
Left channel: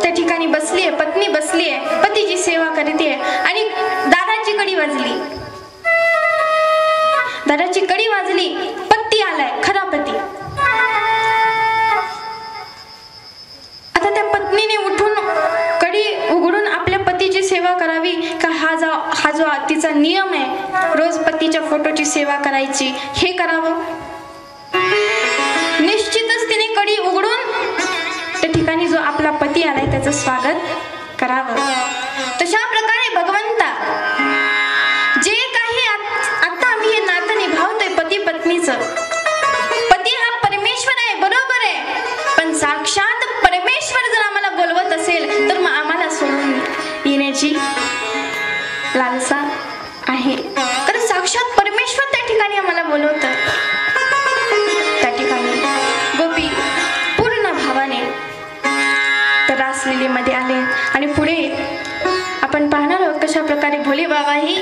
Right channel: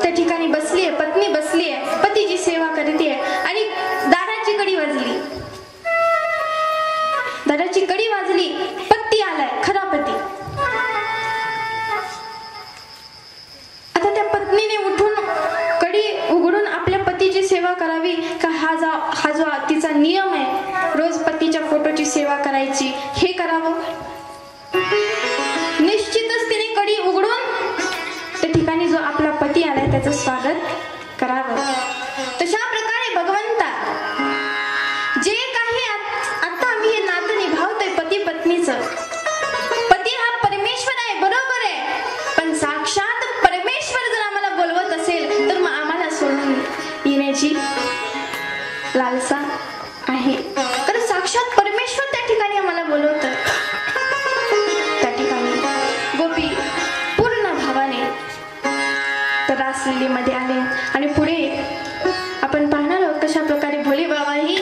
त्या ठिकाणी बसलीये, पत्नी बसलीये, पतीची सेवा करते आणि दाराची कडी वाजली. दाराची कडी वाजली, पती आलाय, खरा पती. आता त्या पत्नीने उठून कडी उघडून आपल्या पतीची सेवा करावी का, हा जो तिचा नियम आहे रोज पतीच्या फोटोची सेवा करायची, हे करावं. निश्चितच तिने कडी उघडून त्या ठिकाणी जो आपला पती आलाय त्याचं स्वागत करावं. तशा प्रकारे भगवंता जे काही आता आम्ही हे नातं निभावतोय पती पत्नीचं, पती हा परमेश्वर आहे, बरोबर आहे, पण साक्षात परमेश्वर जर आम्हाला बोलवत असेल तर मग आम्हाला सोडून येण्याची लालसा आहे. कारण साक्षात परमेश्वर त्या ठिकाणी आम्हाला बोलवत. त्या ठिकाणी गोपी पूर्ण भावाने त्या रासलीलेमध्ये आले. आणि पुढे आपण पाहणार आहोत कशा प्रकारे भोले बाबाही,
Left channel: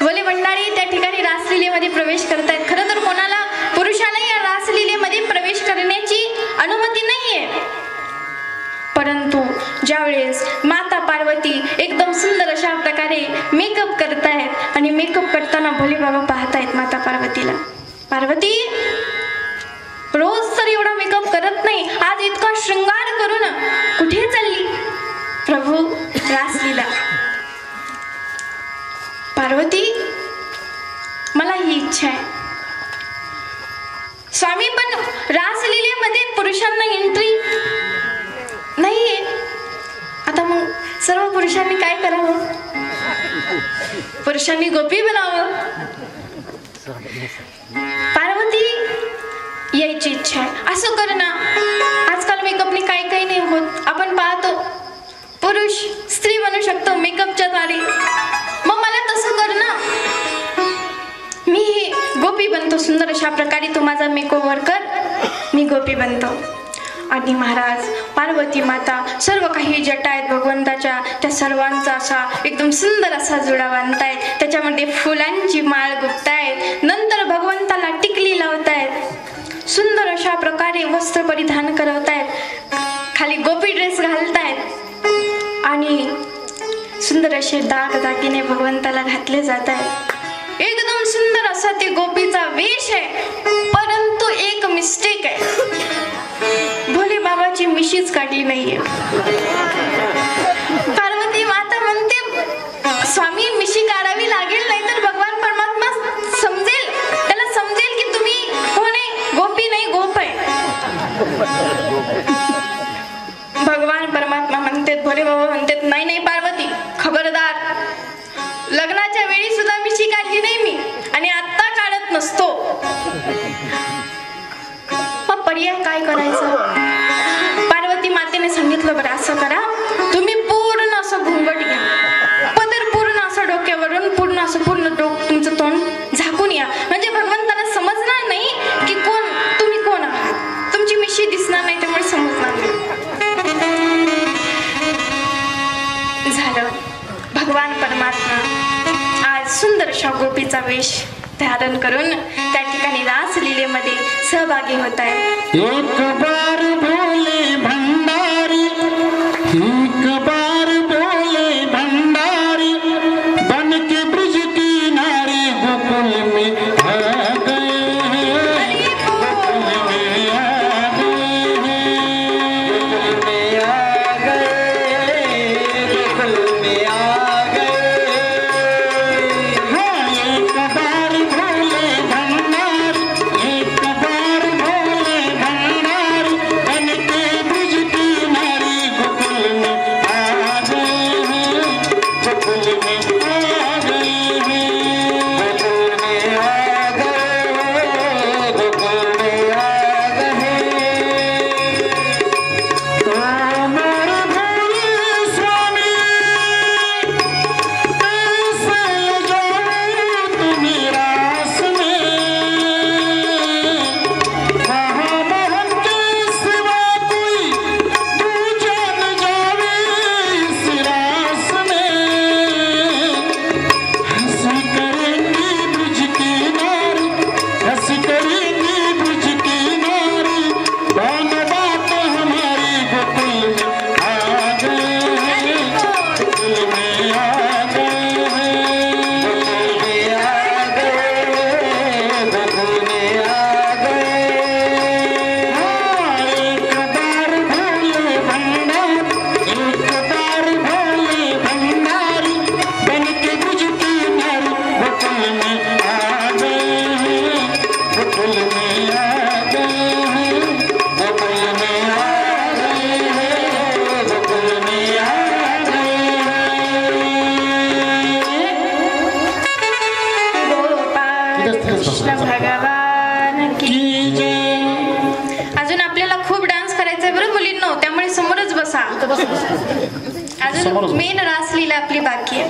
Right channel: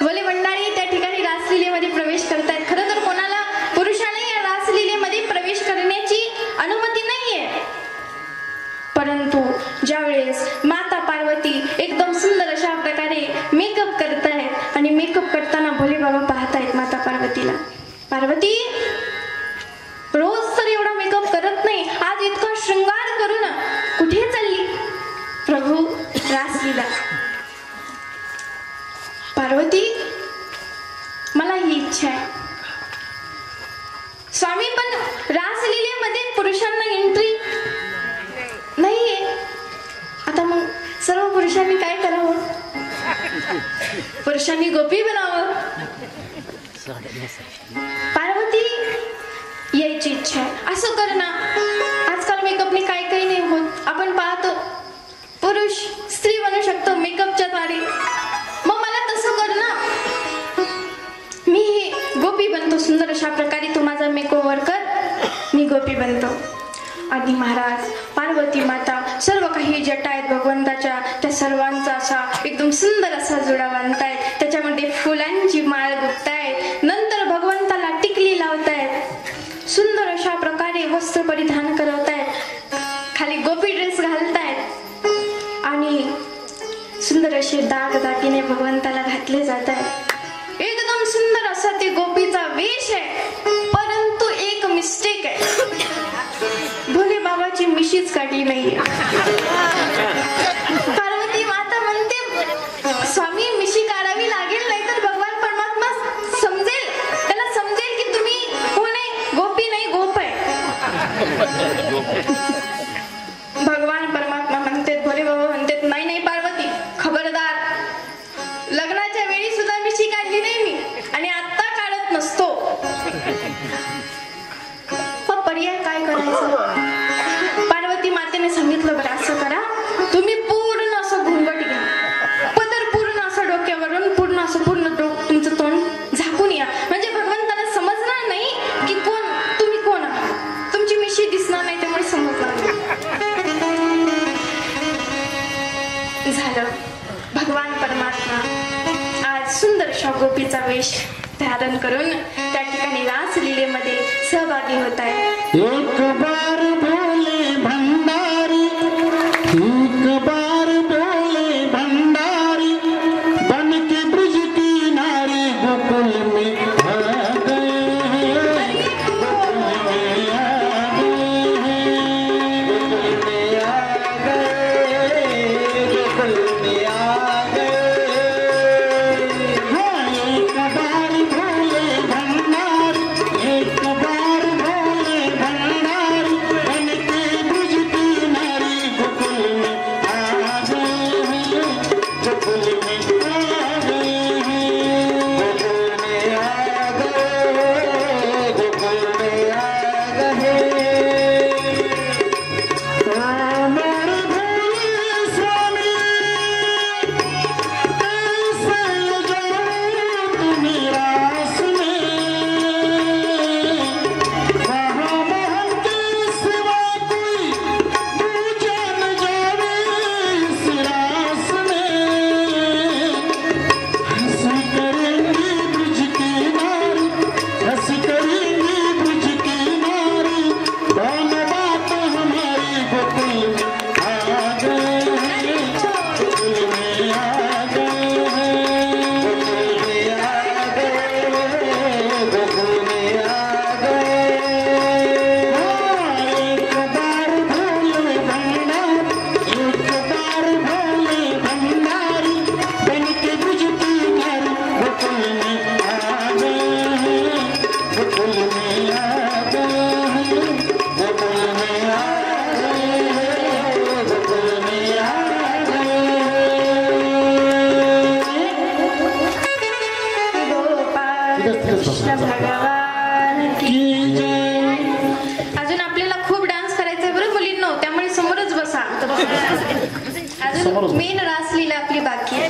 भोले भंडारी त्या ठिकाणी रासलीलेमध्ये प्रवेश करतायत. खरं तर कोणाला पुरुषाला या रासलीलेमध्ये प्रवेश करण्याची अनुमती नाहीये, परंतु ज्यावेळेस माता पार्वती एकदम सुंदर अशा प्रकारे मेकअप करतायत आणि मेकअप करताना भोले बाबा पाहतायत माता पार्वतीला. पार्वती रोज तर एवढा मेकअप करत नाही, आज इतका शृंगार करून कुठे चालली? प्रभू रासलीला. पार्वती मला ही इच्छा आहे स्वामी, पण रासलीलेमध्ये पुरुषांना एंट्री नाहीये. आता मग सर्व पुरुषांनी काय करावं? पुरुषांनी गोपी बनावं. पार्वती यायची इच्छा आहे. असं कर ना, आजकाल मेकअपने काही काही नाही होत. आपण पाहतो पुरुष स्त्री बनू शकतो मेकअपच्या द्वारे. मग मला तसं कर ना, मी गोपी बनतो सुंदर अशा प्रकारे. तू माझा मेकओव्हर कर, मी गोपी बनतो. आणि महाराज, पार्वती माता, सर्व काही जटा आहेत भगवंताच्या, त्या सर्वांचा असा एकदम सुंदर असा जुडा बांधतायत, त्याच्यामध्ये फुलांची माळ गुंफतायत, नंतर भगवंताला टिकली लावतायत, सुंदर अशा प्रकारे वस्त्र परिधान करवतायत, खाली गोपी ड्रेस घालतायत आणि सुंदर असे दागिने भगवंताला घातले जात आहेत. एकदम सुंदर असा ते गोपीचा वेश आहे. परंतु एक मिस्टेक आहे, भोले बाबाची मिशीच काढली नाहीये. पार्वती माता म्हणते, स्वामी मिशी काढावी लागेल, नाहीतर भगवान परमात्मा समजेल, त्याला समजेल की तुम्ही कोण आहे, गोपी नाही गोप आहे. भगवान परमात्मा म्हणतात, भोले बाबा म्हणतात, नाही नाही पार्वती, खबरदार, लग्नाच्या वेळी सुद्धा मिशी काढली नाही मी आणि आता काढत नसतो. मग पर्याय काय करायचं? पार्वती मातेने सांगितलं, बरं असं करा, तुम्ही पूर्ण असं घुंगट घ्या, पदर पूर्ण असं डोक्यावरून पूर्ण तुमचं तोंड झाकून या, म्हणजे भगवंताला समजणार नाही की तुम्ही कोण आहात, तुमची मिशी दिसणार नाही, त्यामुळे समजणार नाही. झालं. भगवान परमात्मा आज सुंदर अशा गोपीचा वेश धारण करून त्या ठिकाणी रासलीलेमध्ये सहभागी होत आहे. एक बार बोले भंडारी, एक बार बोले भंडारी, बन के ब्रज की नारी गोकुल में आ गए, गोकुल में आ गए, गोकुल में आ गए. हाँ, एक बार भोले भंडारी, एक बार भोले भंडारी, बन के ब्रज की नारी गोकुल में आ गए हैं, गोकुल में आ गए हैं, गोकुल में आ गए, गोकुल में आ गए. मोर भोले स्वामी, कैसे जाऊं तुम्हें रास में, वहाँ मोहन के सिवा कोई दूजा न जावे इस रास में. हंसी करेंगी ब्रज की नारी, हंसी करेंगी ब्रज की नारी, कौन बात हमारी गोकुल में आ गए हैं, गोकुल में आ गए हैं, गोकुल में आ गए, गोकुल में आ गए. हाँ, एक बार भोले भंडारी, एक बार भोले भंडारी, बन के ब्रज की नारी गोकुल में आ गए हैं, गोकुल में आ गए हैं, गोकुल में आ गए हैं, गोकुल में आ गए हैं. गोपाळ कृष्ण भगवान की. की जय. अजून आपल्याला खूप डान्स करायचंय बरं मुलींनो, त्यामुळे समोरच बसा. समोरच अजून बसा. मेन रासलीला आपली बाकी आहे.